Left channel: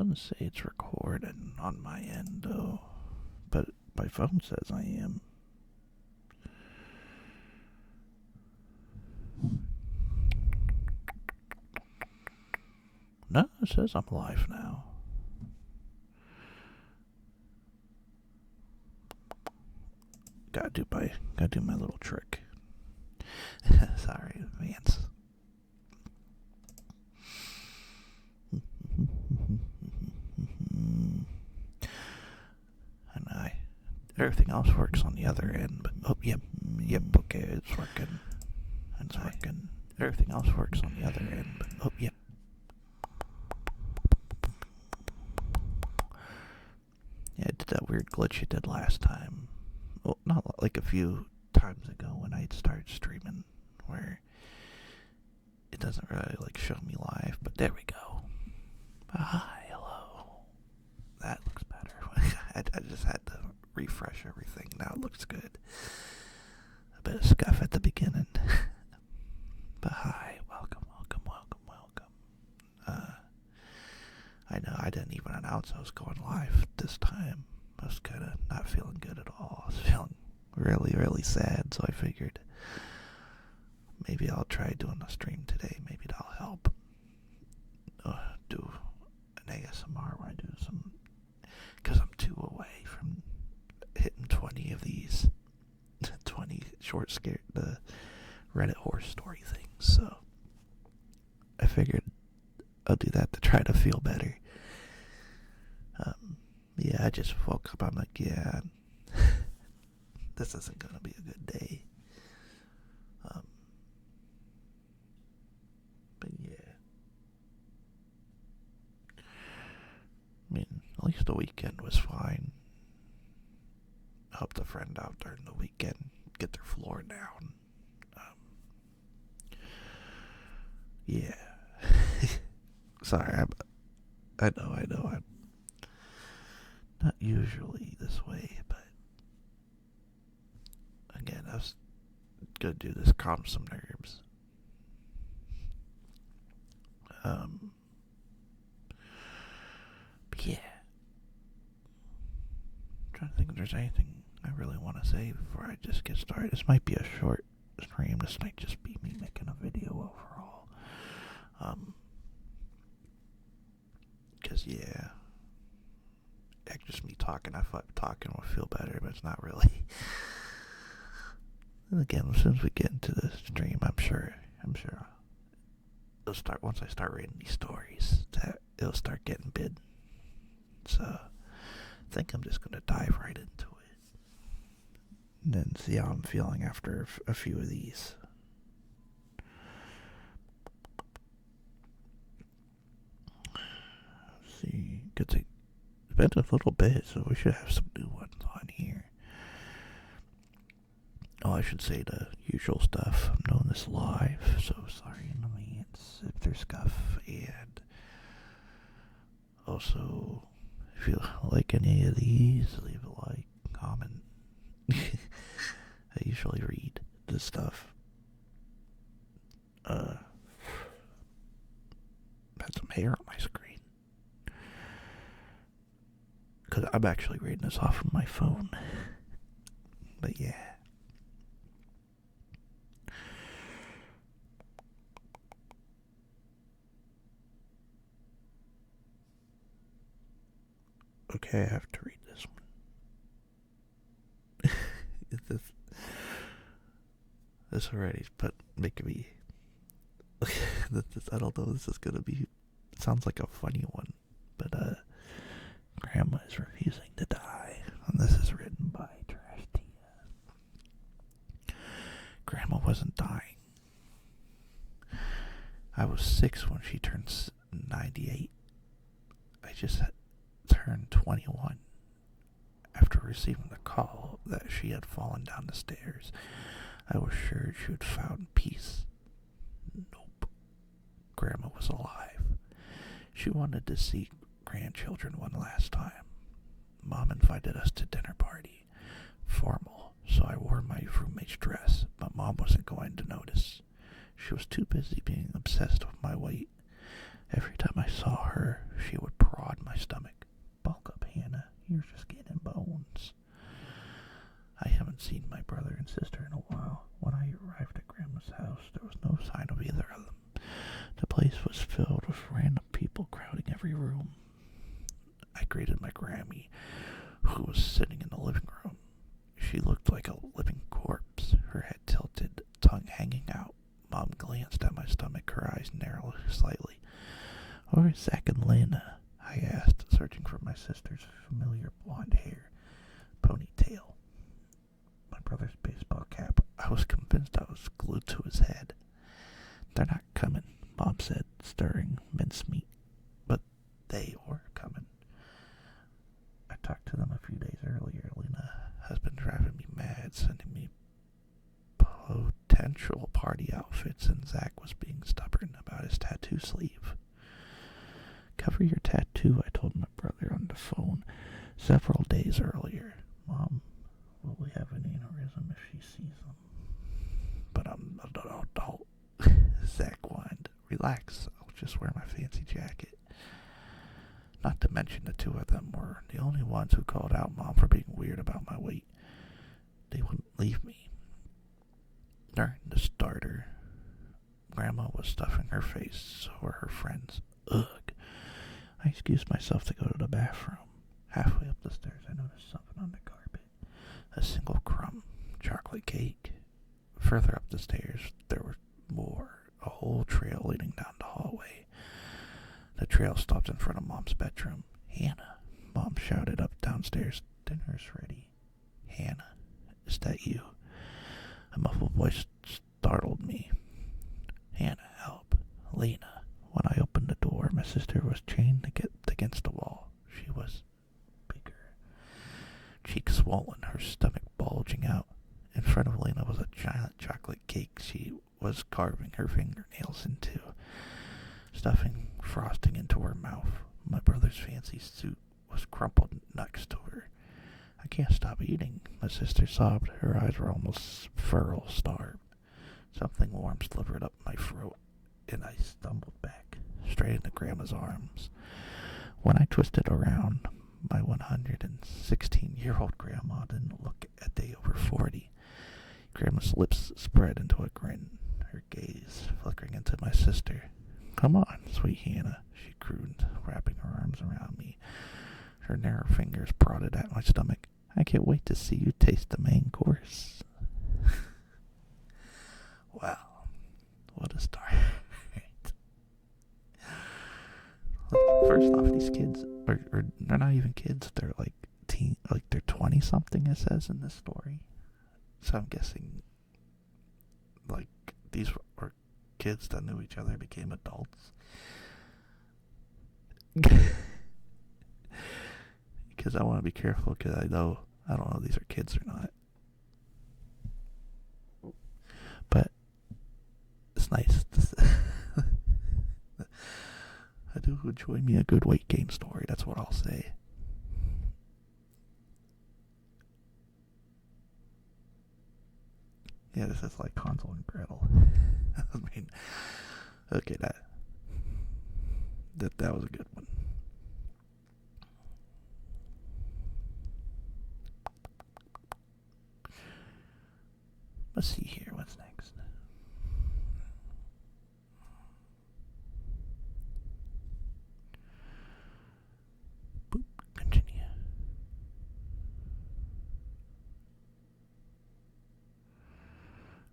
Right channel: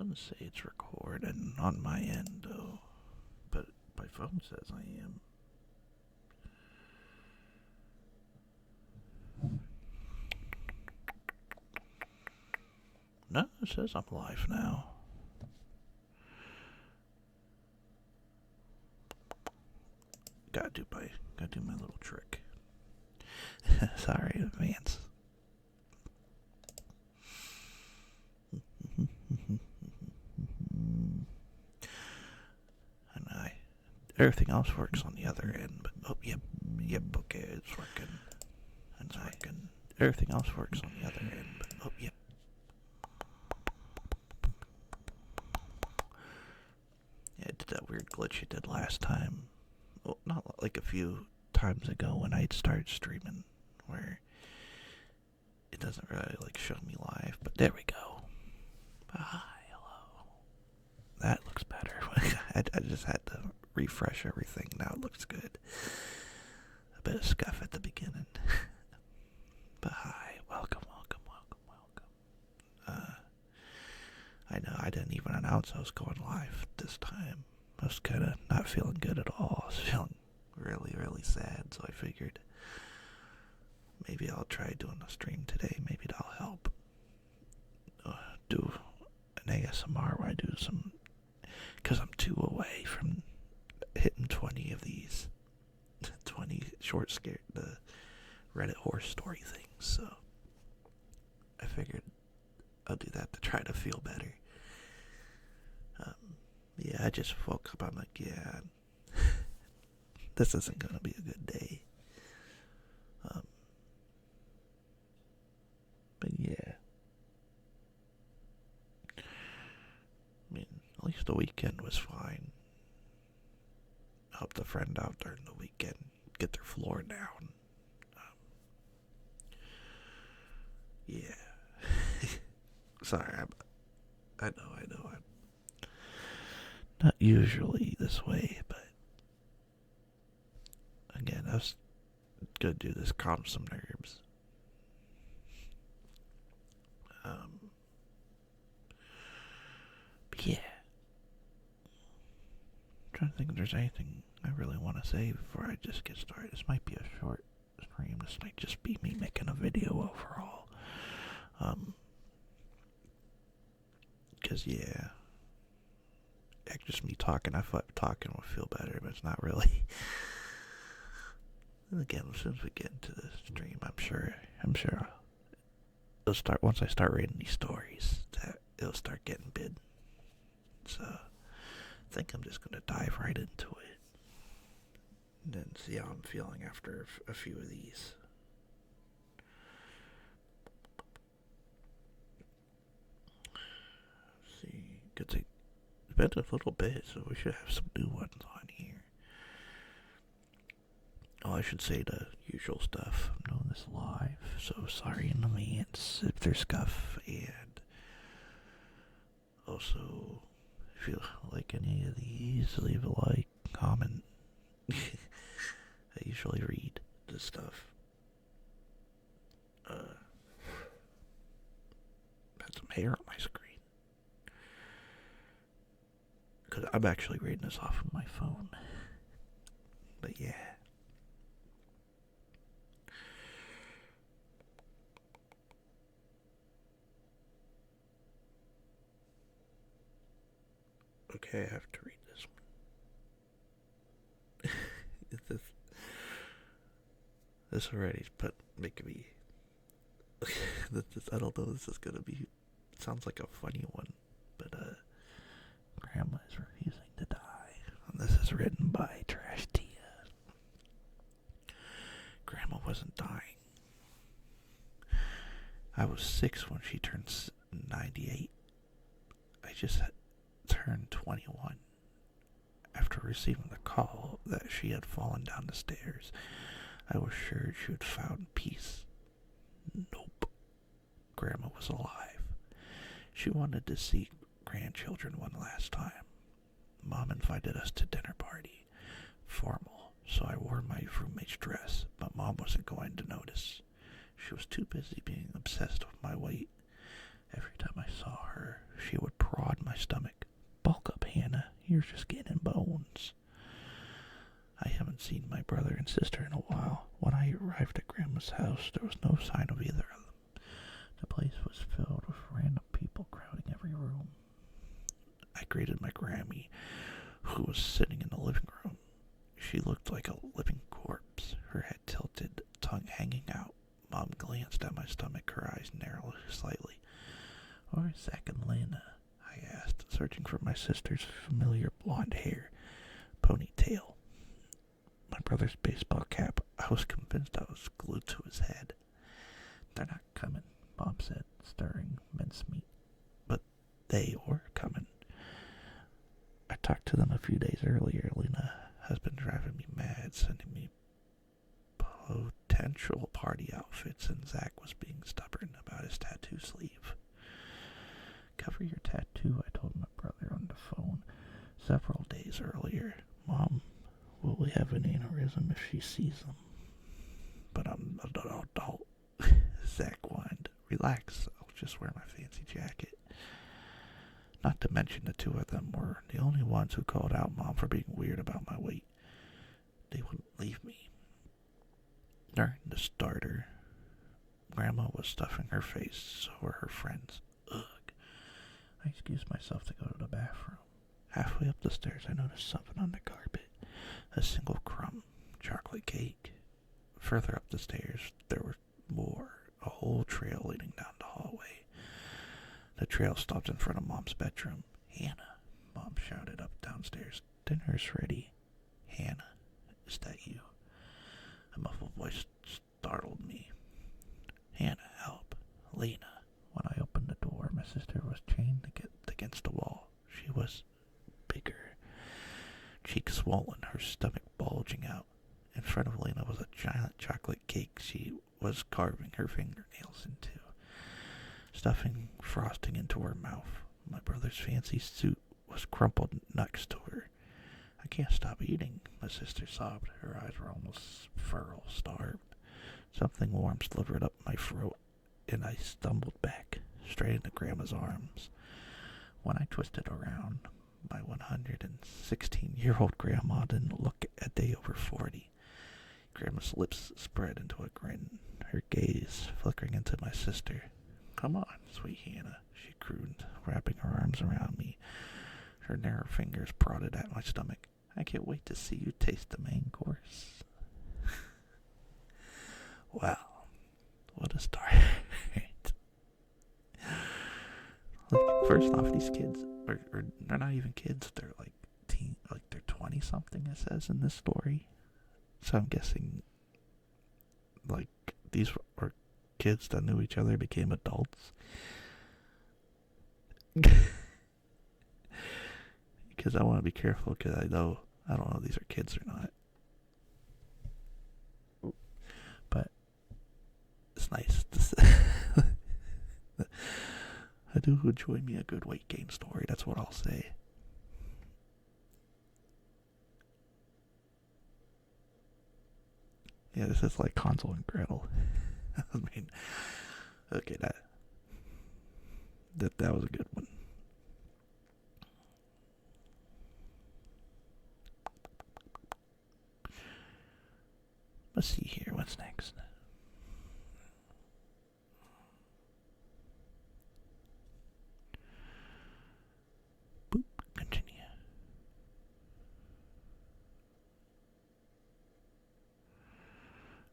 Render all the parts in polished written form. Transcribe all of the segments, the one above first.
doesn't say it's recording on my end, though. But my phone says I am. No, it says I'm live now. Gotta do my little trick. Sorry in advance. And everything else works on the other end, but yep, okay, it's working. It's working. Everything else works on the other end, but yep. Yeah, I did that weird glitch you did last time. Well, not like a few times ago when I started streaming, where it doesn't really like show me live, but there we go. Hi, hello. That looks better. I just had to refresh everything. Now it looks good. A bit of scuff at the beginning. But hi, welcome. I know I didn't even announce I was going live this time. I was kind of not feeling good at all. I was feeling really, really sad, so I figured maybe I'll try doing a stream today. Maybe that'll help. Do an ASMR where I do some, because I'm 2 away from hitting 20 of these, 20 short the Reddit horror story things. So I figured I'll do that to try to feel better. Yeah, I just woke up. I'm like, yeah, this isn't gonna be a good day. But yeah, I mean, at least the weekend was fine. Helped a friend out during the weekend get their floor down. Yeah. Sorry, I know, I'm not usually this way, but again, I was gonna do this calm some nerves. But yeah. I'm trying to think if there's anything I really want to say before I just get started. This might be a short stream. This might just be me making a video overall. Because, yeah, just me talking. I thought talking would feel better, but it's not really. And again, as soon as we get into the stream, I'm sure it'll start, once I start reading these stories, that it'll start getting bid. So I think I'm just gonna dive right into it and then see how I'm feeling after a few of these. Let's see, it's been a little bit, so we should have some new ones on here. Oh, I should say the usual stuff. I'm doing this live, so sorry in advance if there's scuff. And also, if you like any of these, leave a like, comment. I usually read this stuff. Had some hair on my screen. Because I'm actually reading this off of my phone. But yeah. Okay, I have to read this one. this already, but making me. I don't know. This is gonna be. It sounds like a funny one, but Grandma is refusing to die, and this is written by Trash Tia. Grandma wasn't dying. I was 6 when she turned 98. I just turned 21 after receiving the call that she had fallen down the stairs. I was sure she had found peace. Nope. Grandma was alive. She wanted to see grandchildren one last time. Mom invited us to dinner party. Formal, so I wore my roommate's dress, but Mom wasn't going to notice. She was too busy being obsessed with my weight. Every time I saw her, she would prod my hadn't seen my brother and sister in a while. When I arrived at Grandma's house, there was no sign of either of them. The place was filled with random people crowding every room. I greeted my Grammy, who was sitting in the living room. She looked like a living corpse, her head tilted, tongue hanging out. Mom glanced at my stomach, her eyes narrowed slightly. "Where's Zach and Lena?" I asked, searching for my sister's familiar blonde hair, ponytail. My brother's baseball cap. I was convinced I was glued to his head. "They're not coming," Mom said, stirring mincemeat. But they were coming. I talked to them a few days earlier. Lena has been driving me mad, sending me potential party outfits, and Zach was being stubborn about his tattoo sleeve. "Cover your tattoo," I told my brother on the phone several days earlier. "Mom, will we have an aneurysm if she sees them?" "But I'm an adult," Zach whined. "Relax, I'll just wear my fancy jacket." Not to mention the two of them were the only ones who called out Mom for being weird about my weight. They wouldn't leave me. During the starter, Grandma was stuffing her face, so were her friends. Ugh. I excused myself to go to the bathroom. Halfway up the stairs, I noticed something on the carpet. A single crumb. Chocolate cake. Further up the stairs, there was more. A whole trail leading down the hallway. The trail stopped in front of Mom's bedroom. "Hannah," Mom shouted up downstairs. "Dinner's ready." "Hannah, is that you?" A muffled voice startled me. "Hannah, help. Lena." When I opened the door, my sister was chained against the wall. She was bigger. Cheeks swollen, her stomach bulging out. In front of Lena was a giant chocolate cake she was carving her fingernails into, stuffing frosting into her mouth. My brother's fancy suit was crumpled next to her. "I can't stop eating," my sister sobbed. Her eyes were almost feral starved. Something warm slivered up my throat, and I stumbled back, straight into Grandma's arms. When I twisted around, my 116-year-old grandma didn't look a day over 40. Grandma's lips spread into a grin, her gaze flickering into my sister. "Come on, sweet Hannah," she crooned, wrapping her arms around me. Her narrow fingers prodded at my stomach. "I can't wait to see you taste the main course." Wow, what a start. Like, first off, these kids are they're not even kids. They're like they're 20-something, it says in this story. So I'm guessing, like, these were kids that knew each other became adults. Because I want to be careful, because I don't know if these are kids or not. But it's nice I do enjoy me a good weight gain story, that's what I'll say. Yeah, this is like Hansel and Gretel. I mean, okay, that was a good one. Let's see here, what's next? Boop, continue.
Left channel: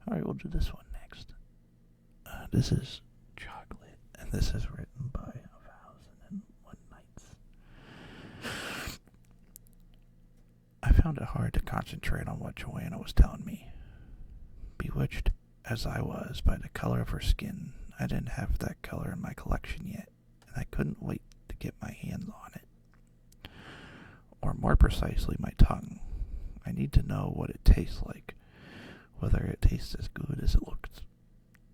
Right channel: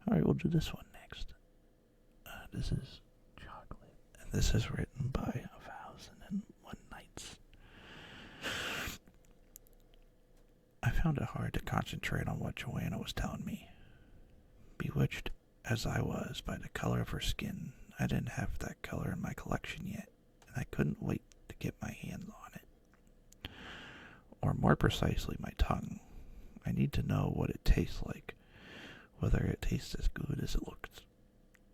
Alright, we'll do this one next. This is Chocolate, and this is written by 1001 Nights. I found it hard to concentrate on what Joanna was telling me. Bewitched as I was by the color of her skin, I didn't have that color in my collection yet, and I couldn't wait to get my hands on it. Or more precisely, my tongue. I need to know what it tastes like, whether it tastes as good as it looks.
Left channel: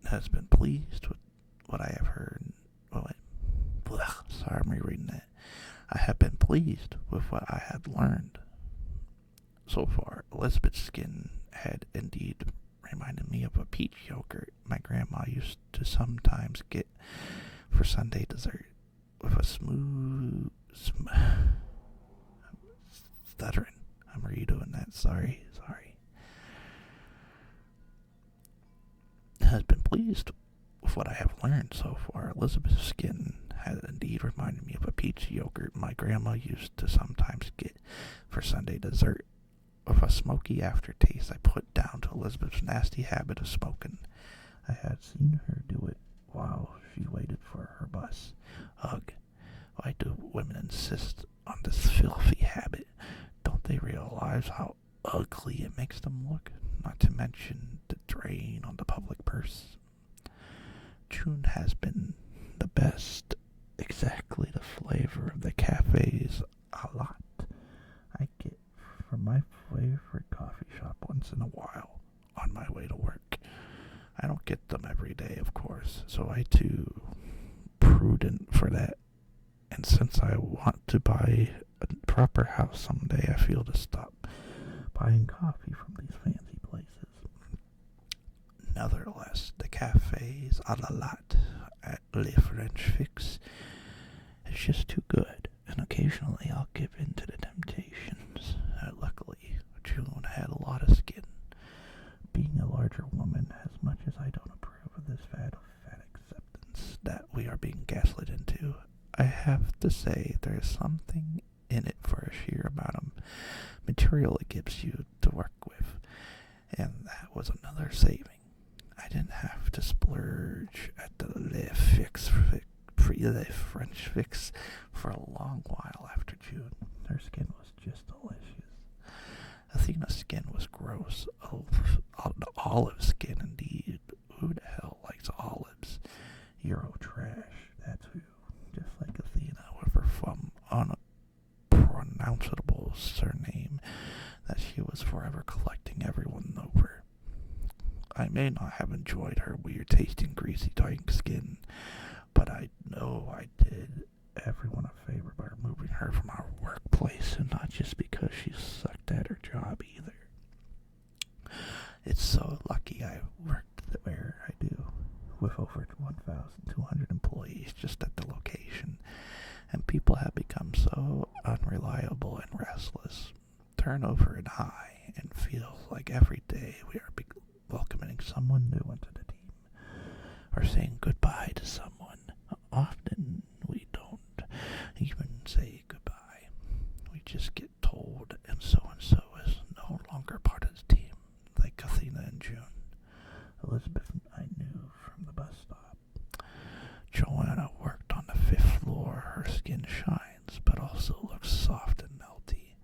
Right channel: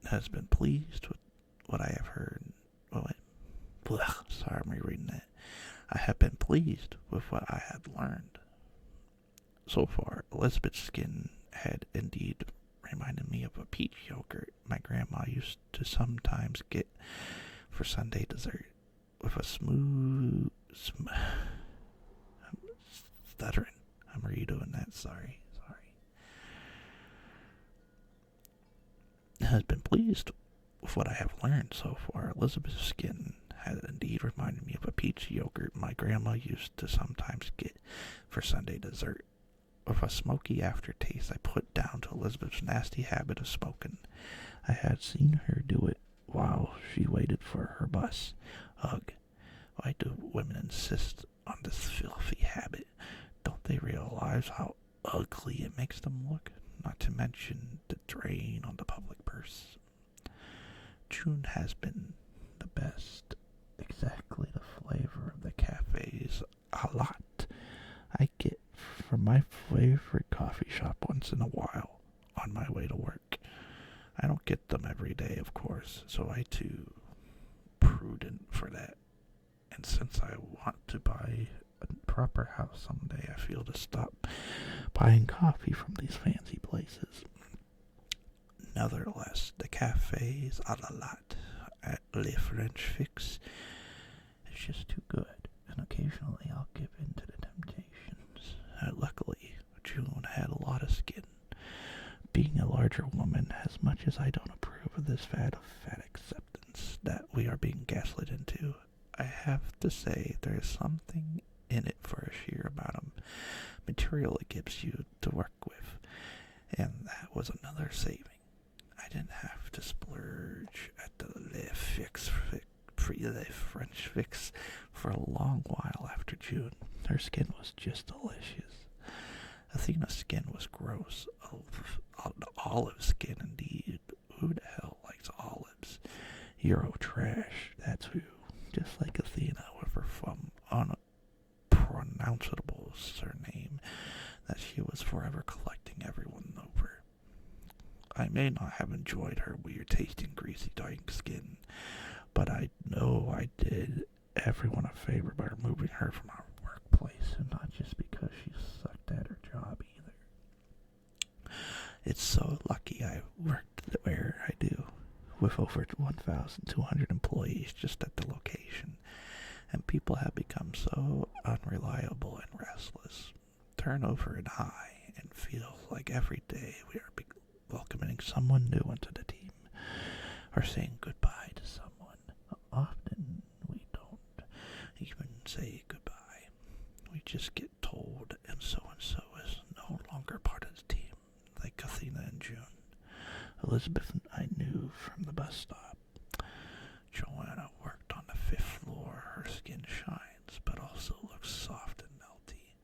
Has been pleased with what I have heard. Sorry, I'm rereading that. I have been pleased with what I had learned. So far, Elizabeth's skin had indeed reminded me of a peach yogurt my grandma used to sometimes get for Sunday dessert, with a smooth... I'm stuttering. I'm redoing that, sorry. pleased with what I have learned so far. Elizabeth's skin has indeed reminded me of a peach yogurt my grandma used to sometimes get for Sunday dessert. With a smoky aftertaste I put down to Elizabeth's nasty habit of smoking. I had seen her do it while she waited for her bus. Ugh, why do women insist on this filthy habit? Don't they realize how ugly it makes them look? Not to mention the drain on the public purse. June has been the best. Exactly the flavor of the cafes a lot. I get from my favorite coffee shop once in a while on my way to work. I don't get them every day, of course, so I too prudent for that. And since I want to buy a proper house someday, I feel to stop buying coffee from these fancy places. Nevertheless, the cafes a la at Le French Fix is just too good, and occasionally I'll give in to the temptations. Luckily, June had a lot of skin. Being a larger woman, as much as I don't approve of this fad of fat acceptance that we are being gaslit into, I have to say there's something in it for a sheer amount of material it gives you to work with, and that was another saving. I didn't have to splurge at the Le French Fix for a long while after June. Her skin was just delicious. Athena's skin was gross. Olive skin, indeed. Who the hell likes olives? Euro trash. That's who. Just like Athena with her unpronounceable surname that she was forever collecting everyone over. I may not have enjoyed her weird tasting greasy dying skin, but I know I did everyone a favor by removing her from our workplace, and not just because she sucked at her job either. It's so lucky I worked where I do, with over 1,200 employees just at the location, and people have become so unreliable and restless. Turnover is high, and feels like every day we are welcoming someone new into the team, or saying goodbye to someone. Often we don't even say goodbye. We just get told, and so is no longer part of the team, like Athena and June. Elizabeth I knew from the bus stop. Joanna worked on the 5th floor. Her skin shines, but also looks soft and melty,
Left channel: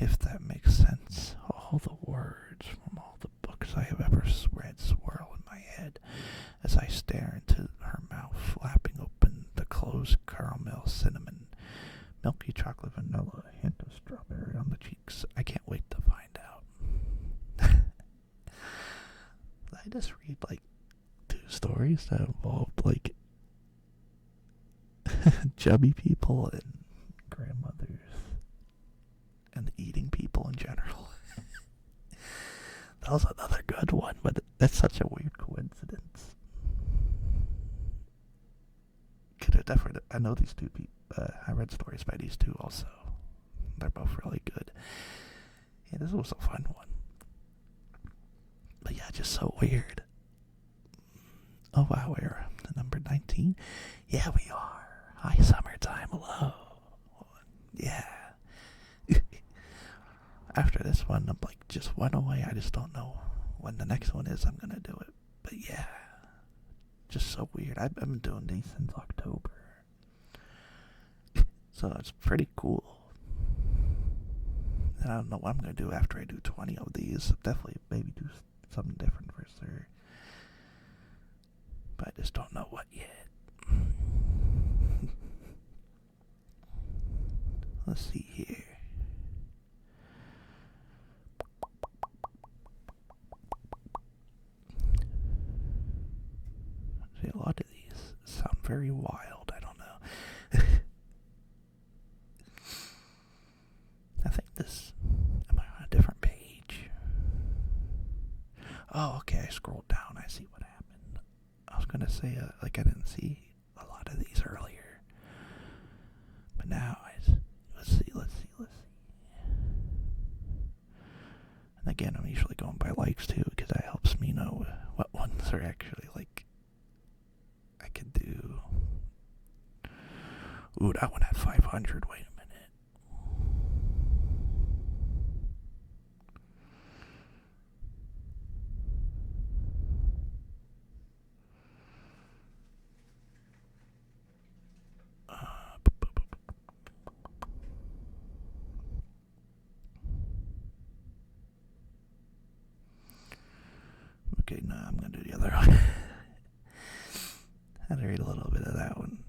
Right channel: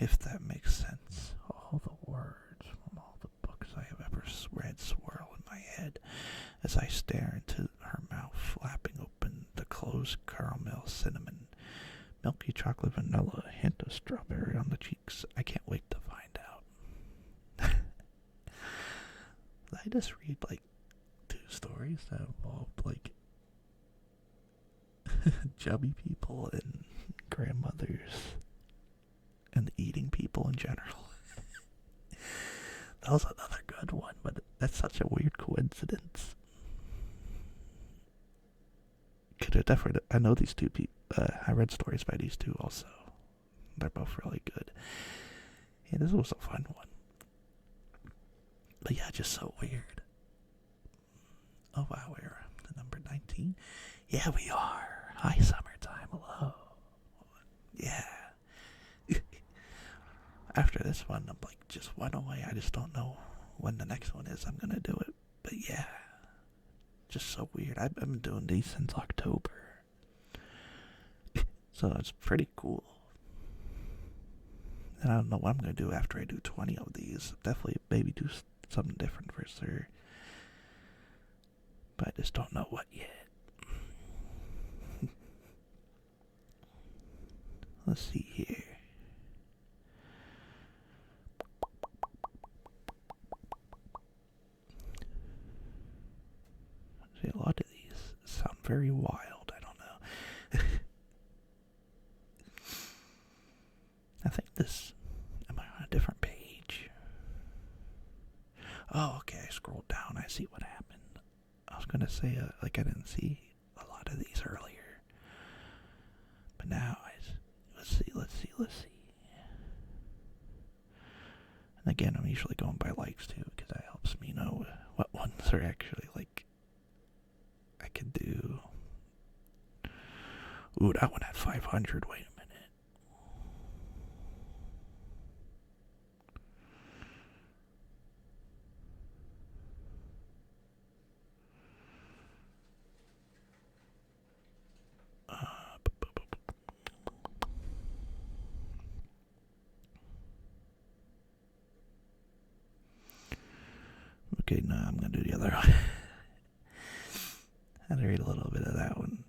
if that makes sense. All the words from all the books I have ever read swirl in my head as I stare into her mouth, flapping open the closed caramel cinnamon, milky chocolate vanilla, a hint of strawberry on the cheeks. I can't wait to find out. Did I just read like 2 stories that involved like chubby people and grandmothers and eating people in general? That was another good one, but that's such a weird coincidence. I know these 2 people. I read stories by these 2 also. They're both really good. Yeah, this was a fun one. But yeah, just so weird. Oh wow, we're at number 19. Yeah, we are. Hi, summertime. Hello. Yeah. After this one, I'm like just one away. I just don't know when the next one is. I'm gonna do it. But yeah, just so weird. I've been doing these since October. So it's pretty cool. And I don't know what I'm going to do after I do 20 of these. Definitely maybe do something different for sure. But I just don't know what yet. Let's see here. See, a lot of these sound very wild. I don't know. I think this... Am I on a different page? Oh, okay. I scrolled down. I see what happened. I was going to say, like, I didn't see a lot of these earlier. But now, let's see. And again, I'm usually going by likes too, because that helps me know what ones are actually like I could do. Ooh, that one had 500. Wait a minute. Okay, now I'm gonna do the other one. I had to read a little bit of that one.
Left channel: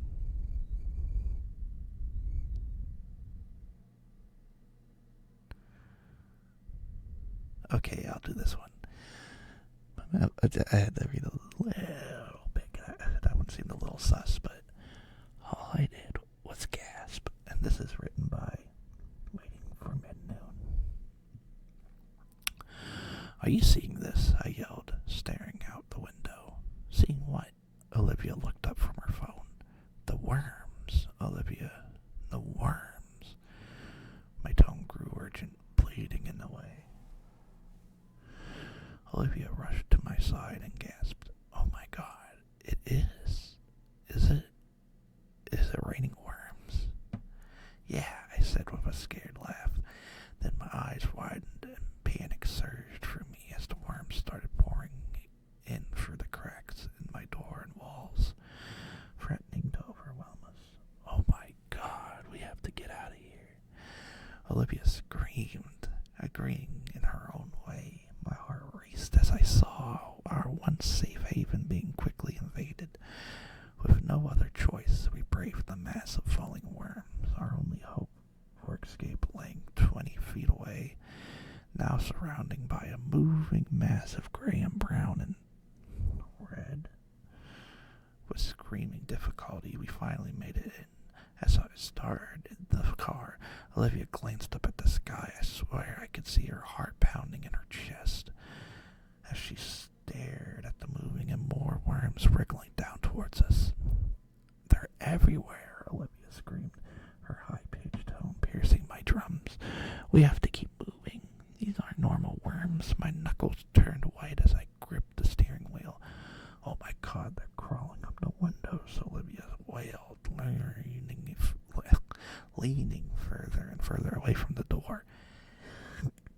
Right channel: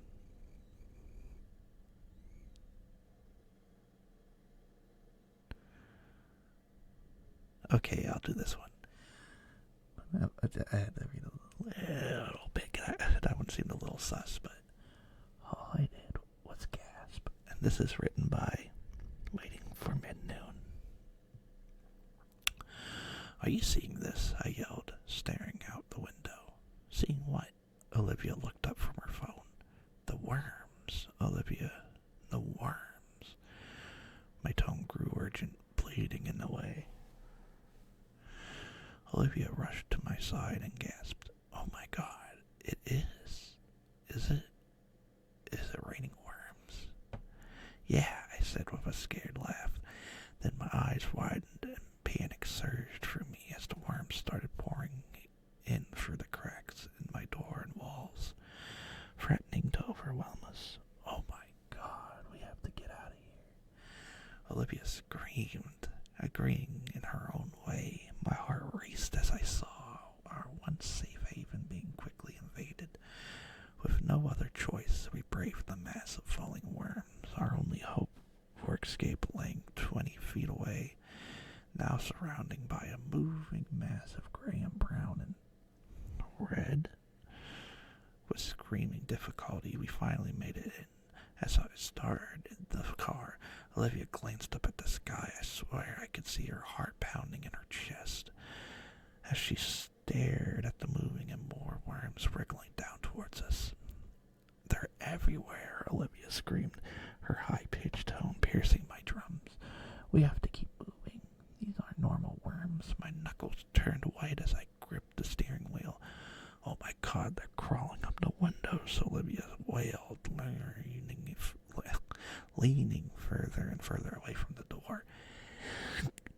Okay, I'll do this one. I had to read a little bit. That one seemed a little sus, but all I did was gasp. And this is written by Waiting for Mid-Noon. Are you seeing this? I yelled, staring out the window. Seeing what? Olivia looked up from her phone. The worms, Olivia. The worms. My tone grew urgent, bleeding in the way. Olivia rushed to my side and gasped, "Oh my God, it is. Is it? Is it raining worms?" "Yeah," I said with a scared laugh. Then my eyes widened and panic surged through me as the worms started pouring in through the cracks in my door and walls, threatening to overwhelm us. "Oh my God, we have to get out of here." Olivia screamed, agreeing in her own way. My heart raced as I saw our once safe haven being quickly invaded. With no other choice, we braved the mass of falling worms, our only hope for escape laying 20 feet away, now surrounding by a moving mass of gray and brown and red. With screaming difficulty, we finally made it in. As I started the car, Olivia glanced up at the sky. I swear I could see her heart pounding in her chest as she stared at the moving and more worms wriggling down towards us. "They're everywhere," Olivia screamed, her high-pitched tone piercing my drums. "We have to keep moving. These aren't normal worms." My knuckles turned white as I gripped the steering wheel. "Oh my God, they're crawling up the windows," Olivia wailed, leaning further and further away from the door.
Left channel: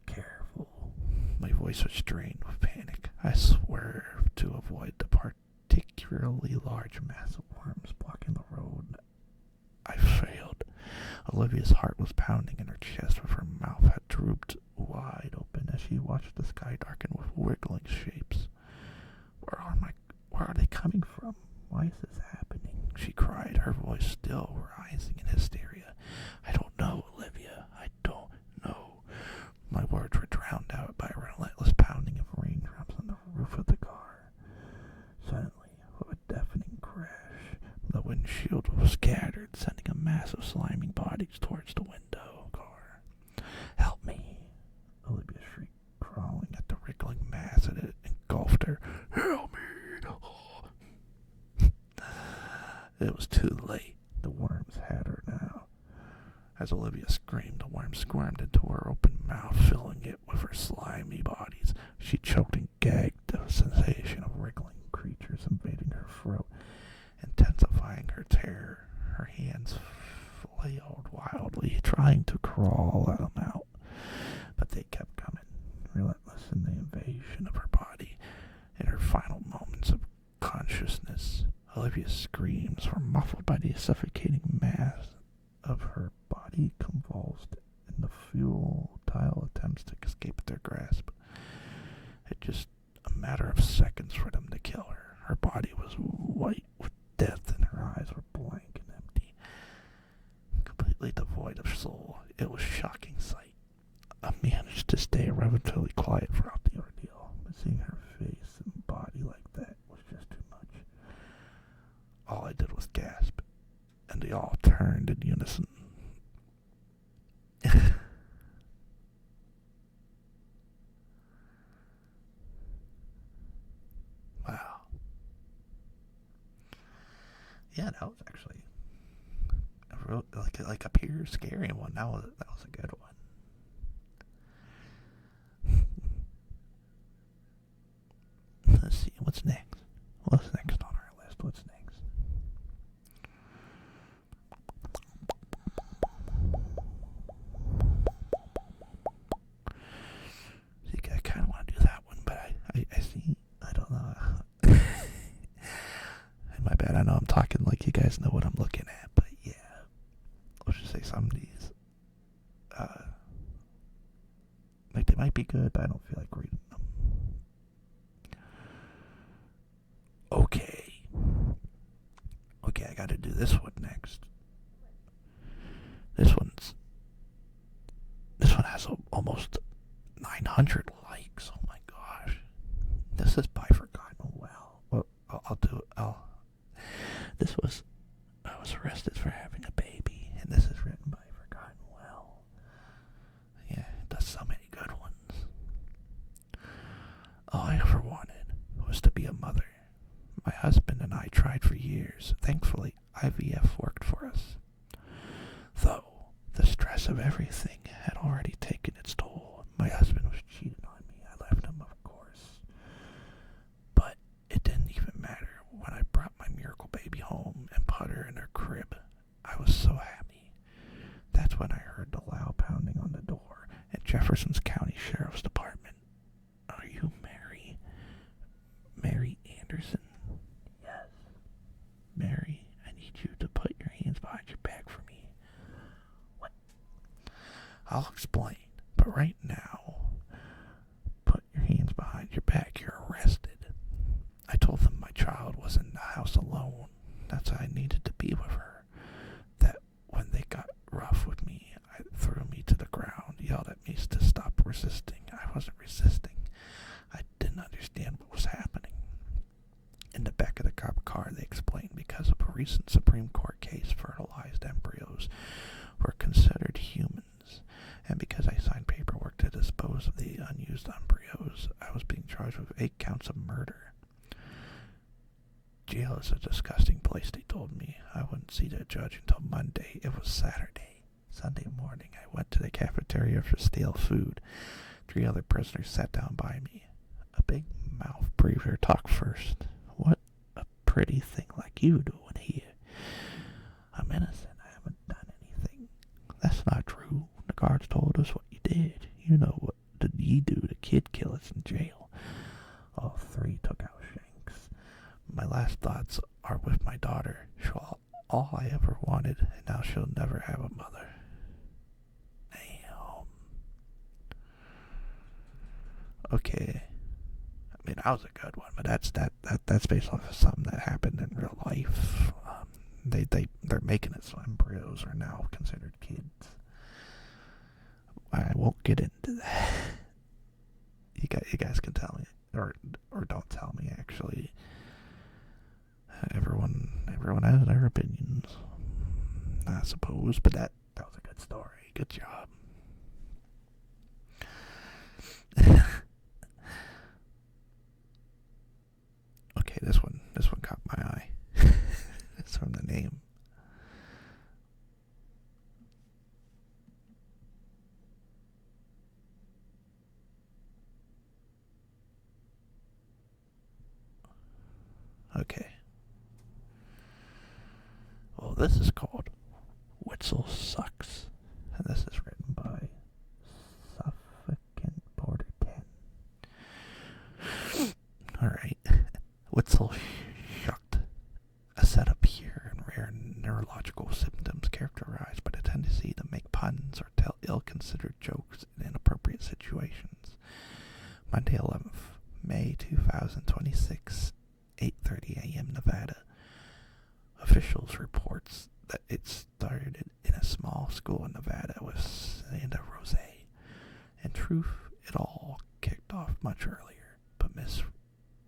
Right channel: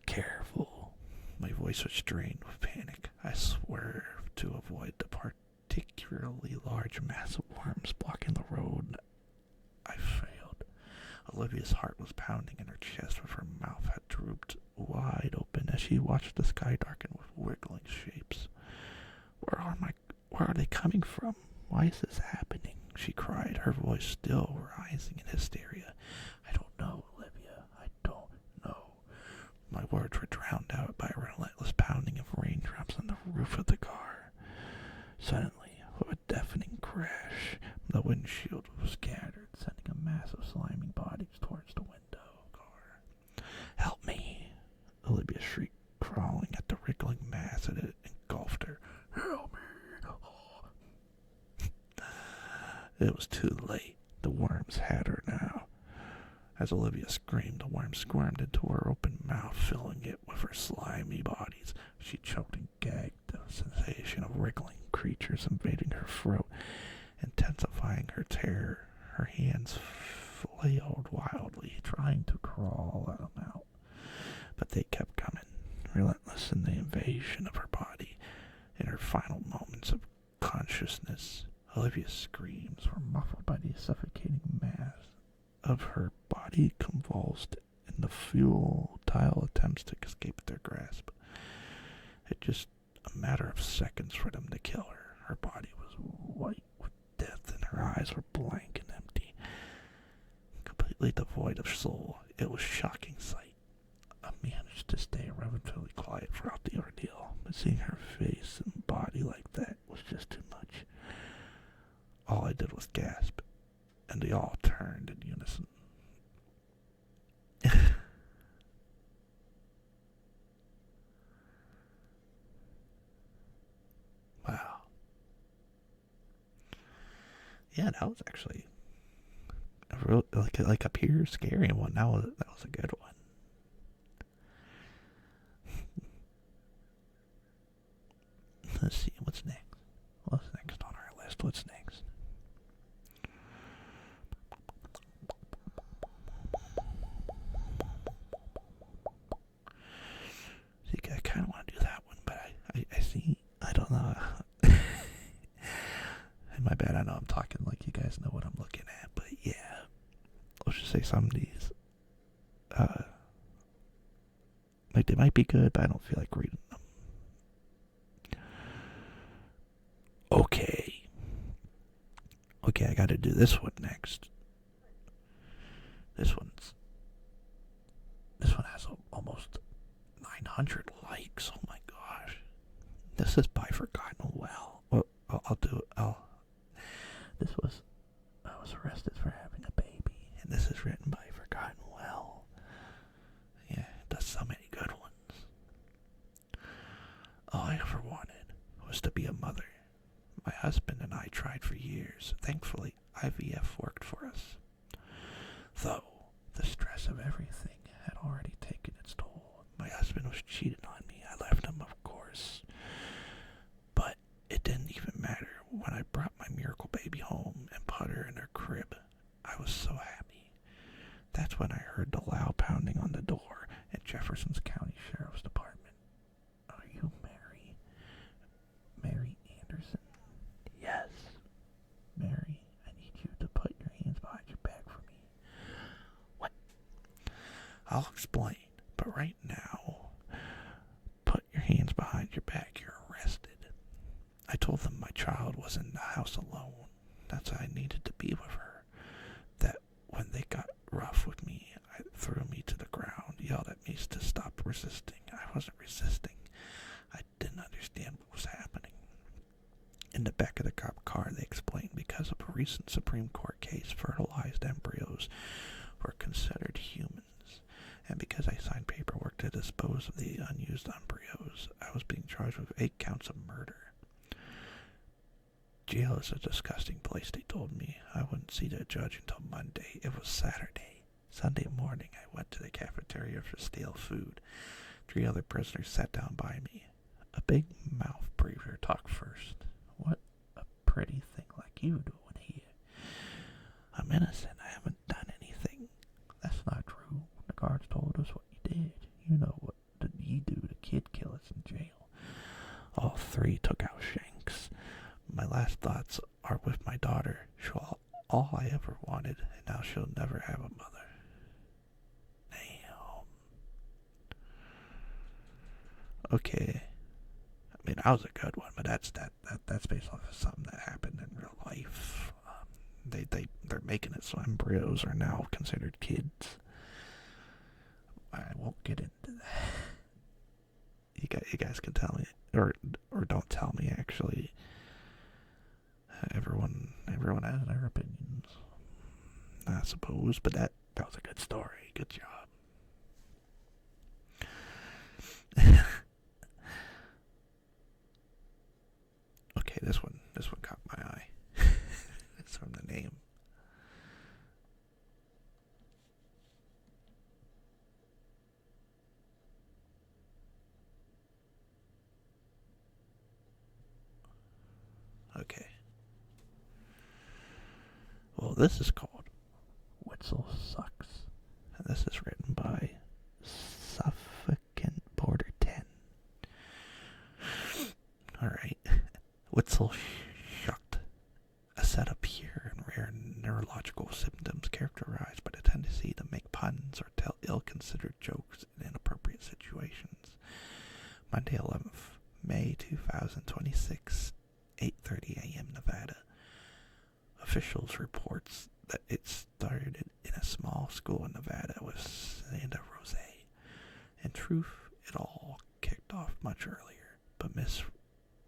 "Careful." My voice was strained with panic. I swerved to avoid the particularly large mass of worms blocking the road. I failed. Olivia's heart was pounding in her chest, with her mouth had drooped wide open as she watched the sky darken with wiggling shapes. Where are they coming from? Why is this happening?" she cried, her voice still rising in hysteria. "I don't know, Olivia. I don't know." My words were drowned out by a relentless pounding of raindrops on the roof of the car. Suddenly, with a deafening crash, the windshield was scattered, sending a mass of slimy bodies towards the window car. "Help me!" Olivia shrieked, crawling at the wriggling mass that had engulfed her. "Help me!" It was too late. The worms had her now. As Olivia screamed, the worm squirmed into her open mouth, filling it with her slimy bodies. She choked and gagged, the sensation of wriggling creatures invading her throat, intensifying her terror. Her hands flailed wildly, trying to crawl them out, but they kept coming, relentless in the invasion of her body. In her final moments of consciousness, Olivia's screams were muffled by the suffocating mass of her body convulsed in the futile attempts to escape their grasp. It just a matter of seconds for them to kill her. Her body was white with death and her eyes were blank and empty, completely devoid of soul. It was a shocking sight. I managed to stay relatively quiet throughout the ordeal, but seeing her face and body like that was just too much. All I did was gasp, and they all turned in unison. Wow. Yeah, that was actually a real, like a pure scary one. That was a good one. What's next? What's next on our list? What's next? See, I kind of want to do that one, but I see, I don't know. My bad, I know I'm talking like you guys know what I'm looking at, but yeah. Let's just say some of these, like they might be good, but I don't feel like reading them. Okay. Okay, I gotta do this one next. This one has almost 900 likes. Oh my gosh. This is by Forgotten Well. Well, I'll do it. I was arrested for having a baby, and this is written by Forgotten Well. Yeah, it does so many good ones. All I ever wanted was to be a mother. My husband and I tried for years. Thankfully, IVF worked for us. Though the stress of everything had already taken its toll. My husband was cheating on me. I left him, of course. But it didn't even matter. When I brought my miracle baby home and put her in her crib, I was so happy. That's when I heard the loud pounding on the door at Jefferson County Sheriff's Department. Are you Mary? Mary Anderson? Yes. Mary, I need you to put your hands behind your back for me. What? I'll explain, but right now, put your hands behind your back. You're arrested. I told them my child was in the house alone. That's why I needed to be with her. That when they got rough with me, I threw me to the ground, yelled at me to stop resisting. I wasn't resisting. I didn't understand what was happening. In the back of the cop car, they explained because of a recent Supreme Court case, fertilized embryos were considered humans, and because I signed paperwork to dispose of the unused embryos, I was being charged with 8 counts of murder. Jail is a disgusting place, they told me. I wouldn't see the judge until Monday. It was Saturday. Sunday morning, I went to the cafeteria for stale food. 3 other prisoners sat down by me. A big mouth breather talked first. What a pretty thing like you doing here. I'm innocent. I haven't done anything. That's not true. The guards told us what you did. You know what did you do to kid killers in jail. All 3 took out shanks. My last thoughts are with my daughter. She'll all I ever wanted, and now she'll never have a mother. Damn. Okay. I mean, that was a good one, but that's based off of something that happened in real life. They're making it so embryos are now considered kids. I won't get into that. You guys can tell me, or don't tell me. Actually, everyone has their opinions, I suppose. But that was a good story. Good job. Okay, this one caught my eye. It's from the name. Okay. Well, this is called Witzel Sucks. And this is written by Suffocant Border 10. Alright. Witzel shucked. A setup here and rare neurological symptoms characterized by the tendency to make puns or tell ill-considered jokes in inappropriate situations. Monday, 11th May 2026, 8:30 a.m. Nevada. Officials reports that it started in a small school in Nevada with Santa Rosa. In truth, it all kicked off much earlier, but Miss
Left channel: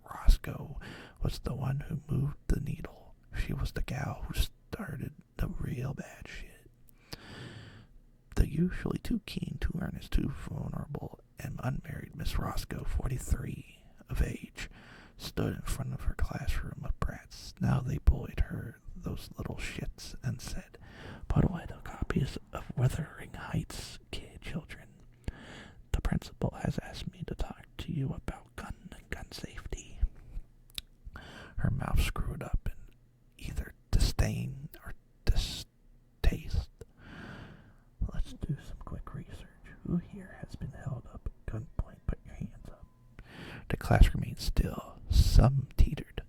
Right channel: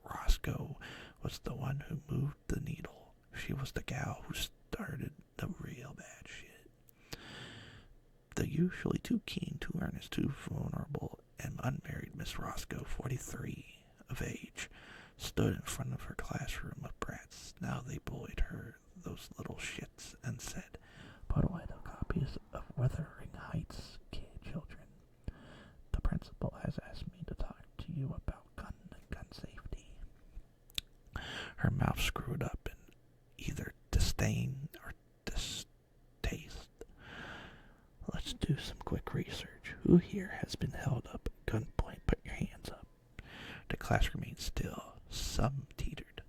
Roscoe was the one who moved the needle. She was the gal who started the real bad shit. The usually too keen, too earnest, too vulnerable, and unmarried Miss Roscoe, 43 of age, stood in front of her classroom of brats. Now they bullied her, those little shits, and said, "Put away the copies of Wuthering Heights, children. The principal has asked me to talk to you about gun safety." The class remained still. Some teetered.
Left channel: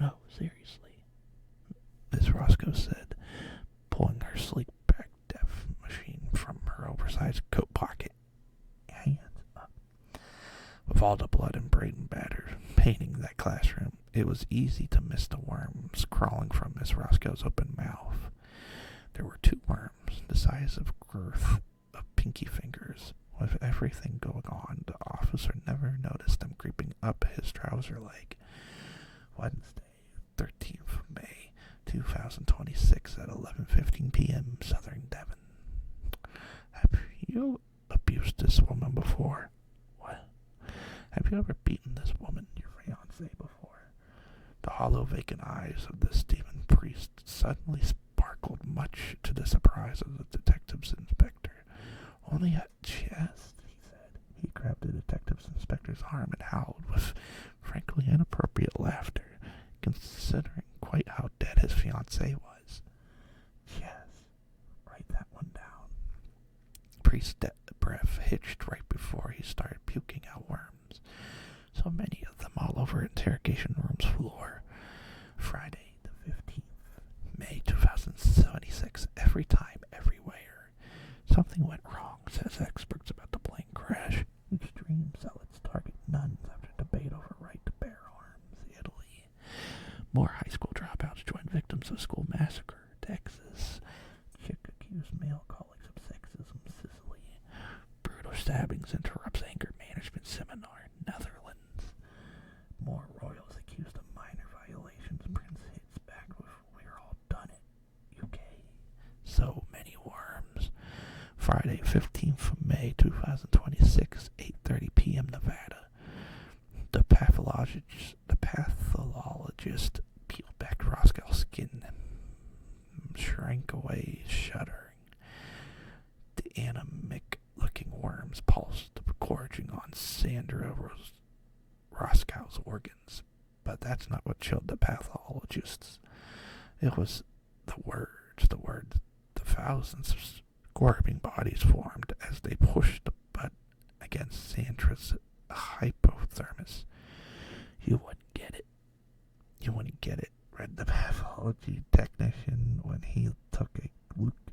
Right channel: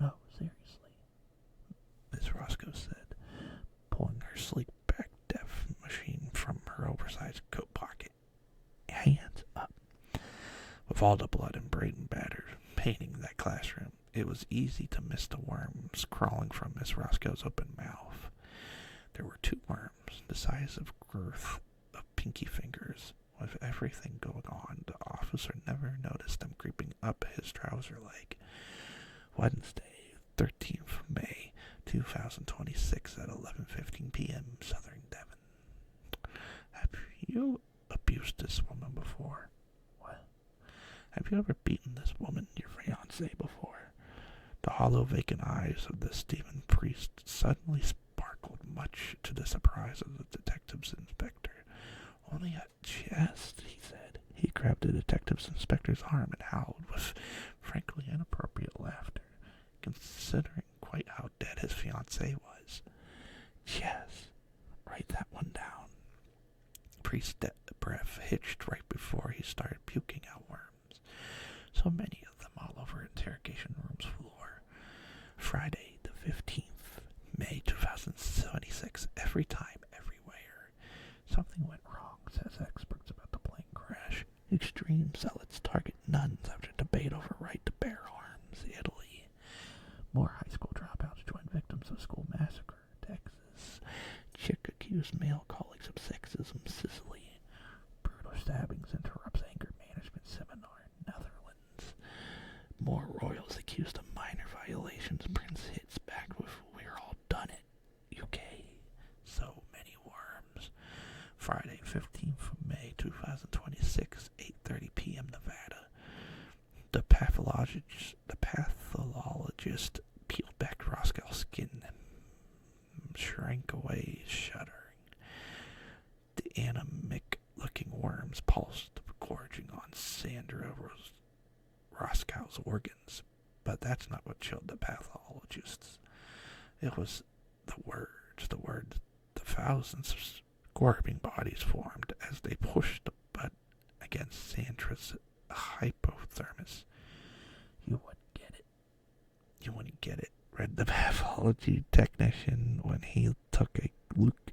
No, seriously, Miss Roscoe said, pulling her sleek back def machine from her oversized coat pocket. Hands up. With all the blood and brain batter painting that classroom, it was easy to miss the worms crawling from Miss Roscoe's open mouth. There were 2 worms, the size of girth of pinky fingers. With everything going on, the officer never noticed them creeping up his trouser leg. Wednesday, 13th May, 2026 at 11:15 p.m. Southern Devon. Have you abused this woman before? What? Have you ever beaten this woman, your fiancée, before? The hollow, vacant eyes of the Stephen Priest suddenly sparkled, much to the surprise of the detective's inspector. Only a chest, he said. He grabbed the detective's inspector's arm and howled with frankly inappropriate laughter, considering quite how dead his fiancée was. Chest. Write that one down. Priest's breath hitched right before he started puking out worms. So many of them all over interrogation room's floor. Friday, the 15th, May 2076. Every time, everywhere. Something went wrong, says experts about the plane crash. Extreme zealots target nuns after debate over right to bear arms. Italy. More high school dropouts join victims of school massacre. Texas. Chick accused male colleagues of sexism. Sicily. Brutal stabbings interrupts anger management seminar. Netherlands. More royals accused of minor violations. Prince hits back with "We're all done it." UK. So many worms. Friday, 15th of May, 2026, 8:30 p.m. Nevada. The pathologist peeled back Roscoe's skin and shrank away, shuddering. The anemic-looking worms pulsed, gorging on Sandra Roscoe's organs. But that's not what chilled the pathologists. It was the words. The thousands of squirming bodies formed as they pushed the butt against Sandra's hypothermos. You wouldn't get it, read the pathology technician when he took a look.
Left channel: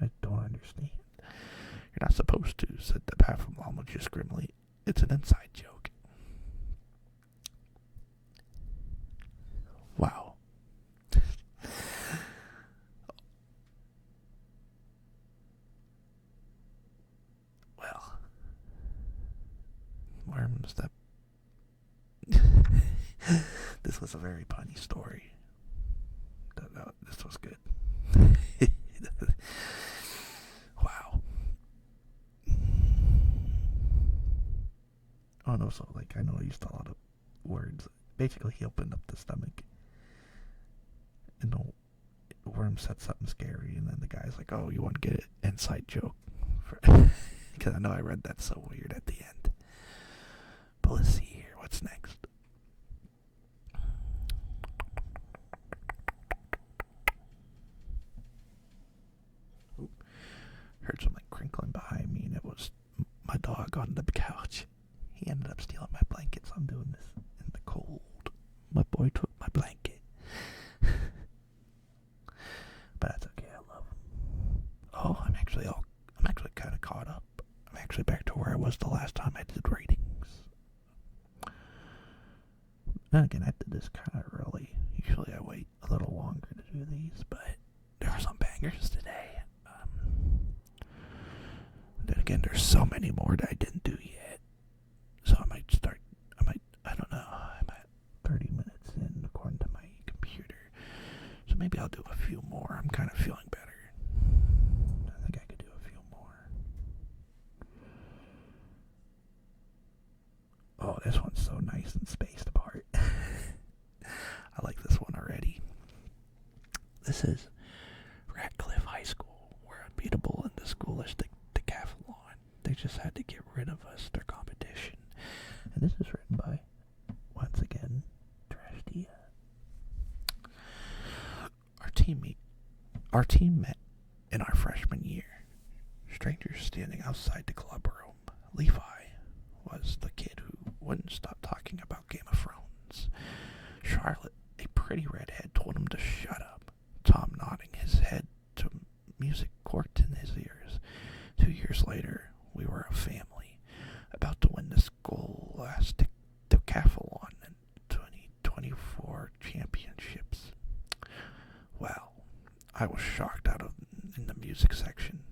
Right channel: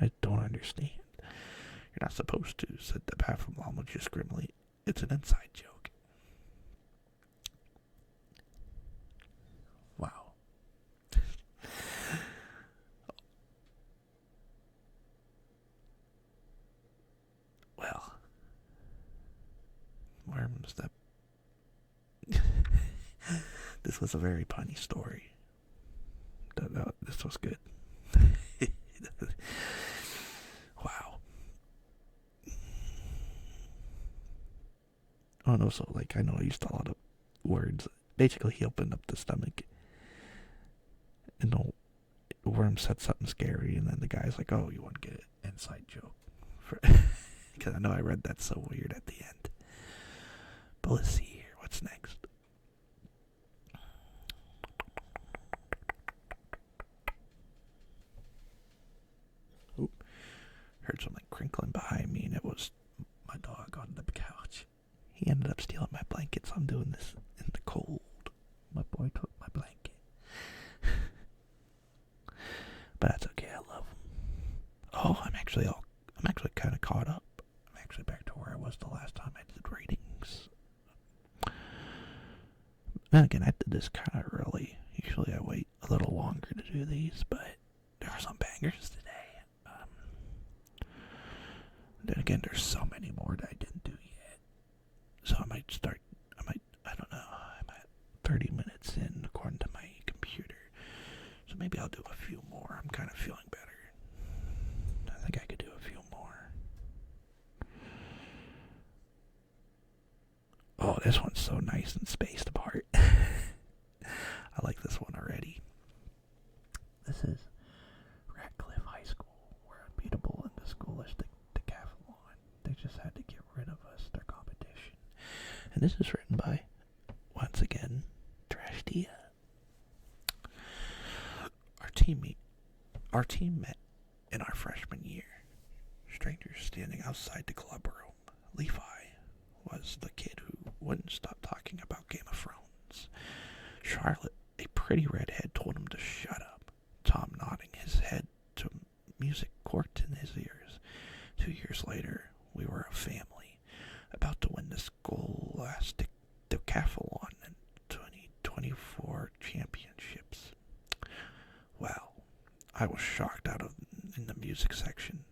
I don't understand. You're not supposed to, said the pathologist grimly. It's an inside joke. Wow. Well, worms that... This was a very punny story. This was good. Wow. Oh no, so I know I used a lot of words. Basically, he opened up the stomach and the worm said something scary, and then the guy's like, "Oh, you want to get it?" Inside joke. Because I know I read that so weird at the end. But let's see here. What's next? Oop. Heard something crinkling behind me, and it was my dog on the couch. He ended up stealing my blanket, so I'm doing this in the cold. My boy took my blanket. But that's okay, I love him. Oh, I'm actually kind of caught up. I'm actually back to where I was the last time I did ratings. Then again, I did this kind of early. Usually I wait a little longer to do these, but there are some bangers today. Then again, there's so many more that I didn't do yet. So I don't know, I'm at 30 minutes in according to my computer. So maybe I'll do a few more. I'm kind of feeling better. I think I could do a few more. Oh, this one's so nice and spaced apart. I like this one already. This is Radcliffe High School. We're unbeatable in the schoolish decathlon. They just had to get rid of us, their competition. And this is written by, once again, Trash Tia. Our team met in our freshman year. Strangers standing outside the club room. Levi was the kid who wouldn't stop talking about Game of Thrones. Charlotte, a pretty redhead, told him to shut up. Tom nodding his head to music corked in his ears. 2 years later, we were a family, about to win the Scholastic Decathlon and 2024 championships. Well, I was shocked out of in the music section.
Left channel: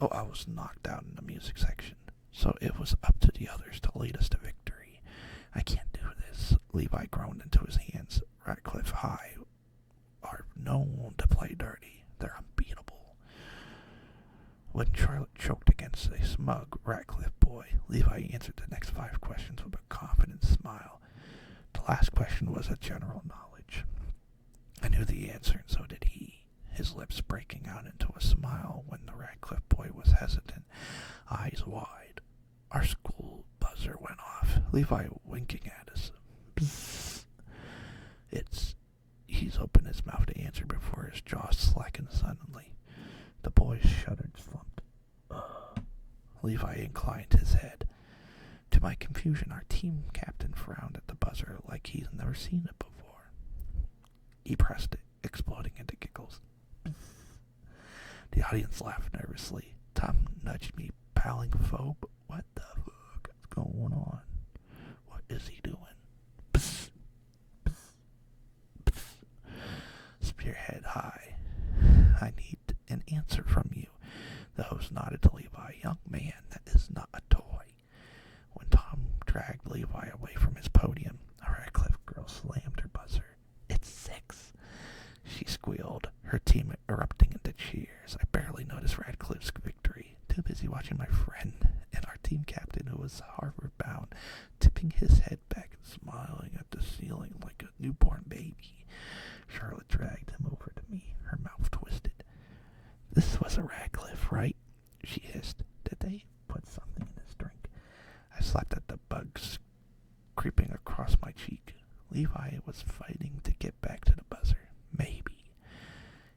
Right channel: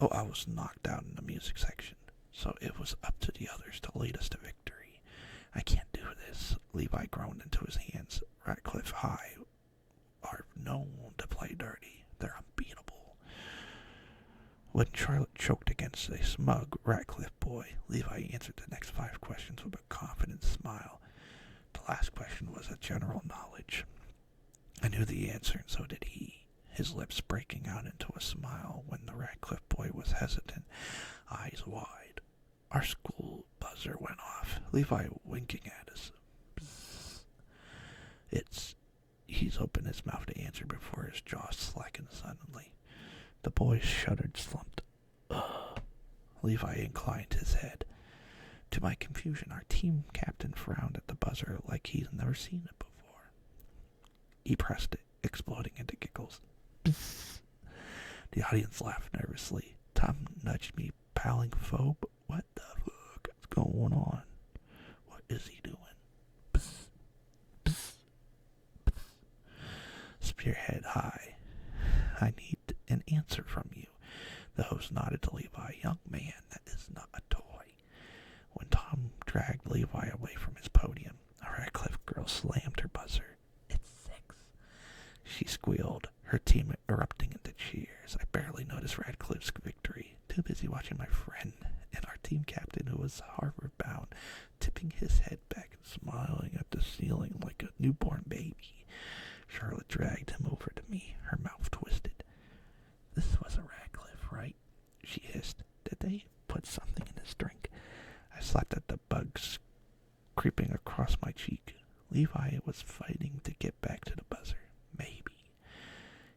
Oh, I was knocked out in the music section. So it was up to the others to lead us to victory. I can't do this. Levi groaned into his hands. Ratcliffe High are known to play dirty. They're unbeatable. When Charlotte choked against a smug Ratcliffe boy, Levi answered the next 5 questions with a confident smile. The last question was a general knowledge. I knew the answer, and so did he, his lips breaking out into a smile when the Ratcliffe boy was hesitant, eyes wide. Our school buzzer went off, Levi winking at us. Bzzz. He's opened his mouth to answer before his jaw slackened suddenly. The boy shuddered, slumped. Ugh. Levi inclined his head. To my confusion, our team captain frowned at the buzzer like he'd never seen it before. He pressed it, exploding into giggles. Bzzz. The audience laughed nervously. Tom nudged me, palling phobe. What the fuck is going on? What is he doing? Bzzz. Bzzz. Bzzz. Spearhead high. I need an answer from you. The host nodded to Levi. Young man, that is not a toy. When Tom dragged Levi away from his podium, a Ratcliffe girl slammed her buzzer. It's 6. She squealed, her team erupting into cheers. I barely noticed Radcliffe's victory, too busy watching my friend and our team captain, who was Harvard-bound, tipping his head back and smiling at the ceiling like a newborn baby. Charlotte dragged him over to me, her mouth twisted. This was a Ratcliffe, right? She hissed. Did they put something in his drink? I slapped at the bugs creeping across my cheek. Levi was fighting to get back to the buzzer. Maybe.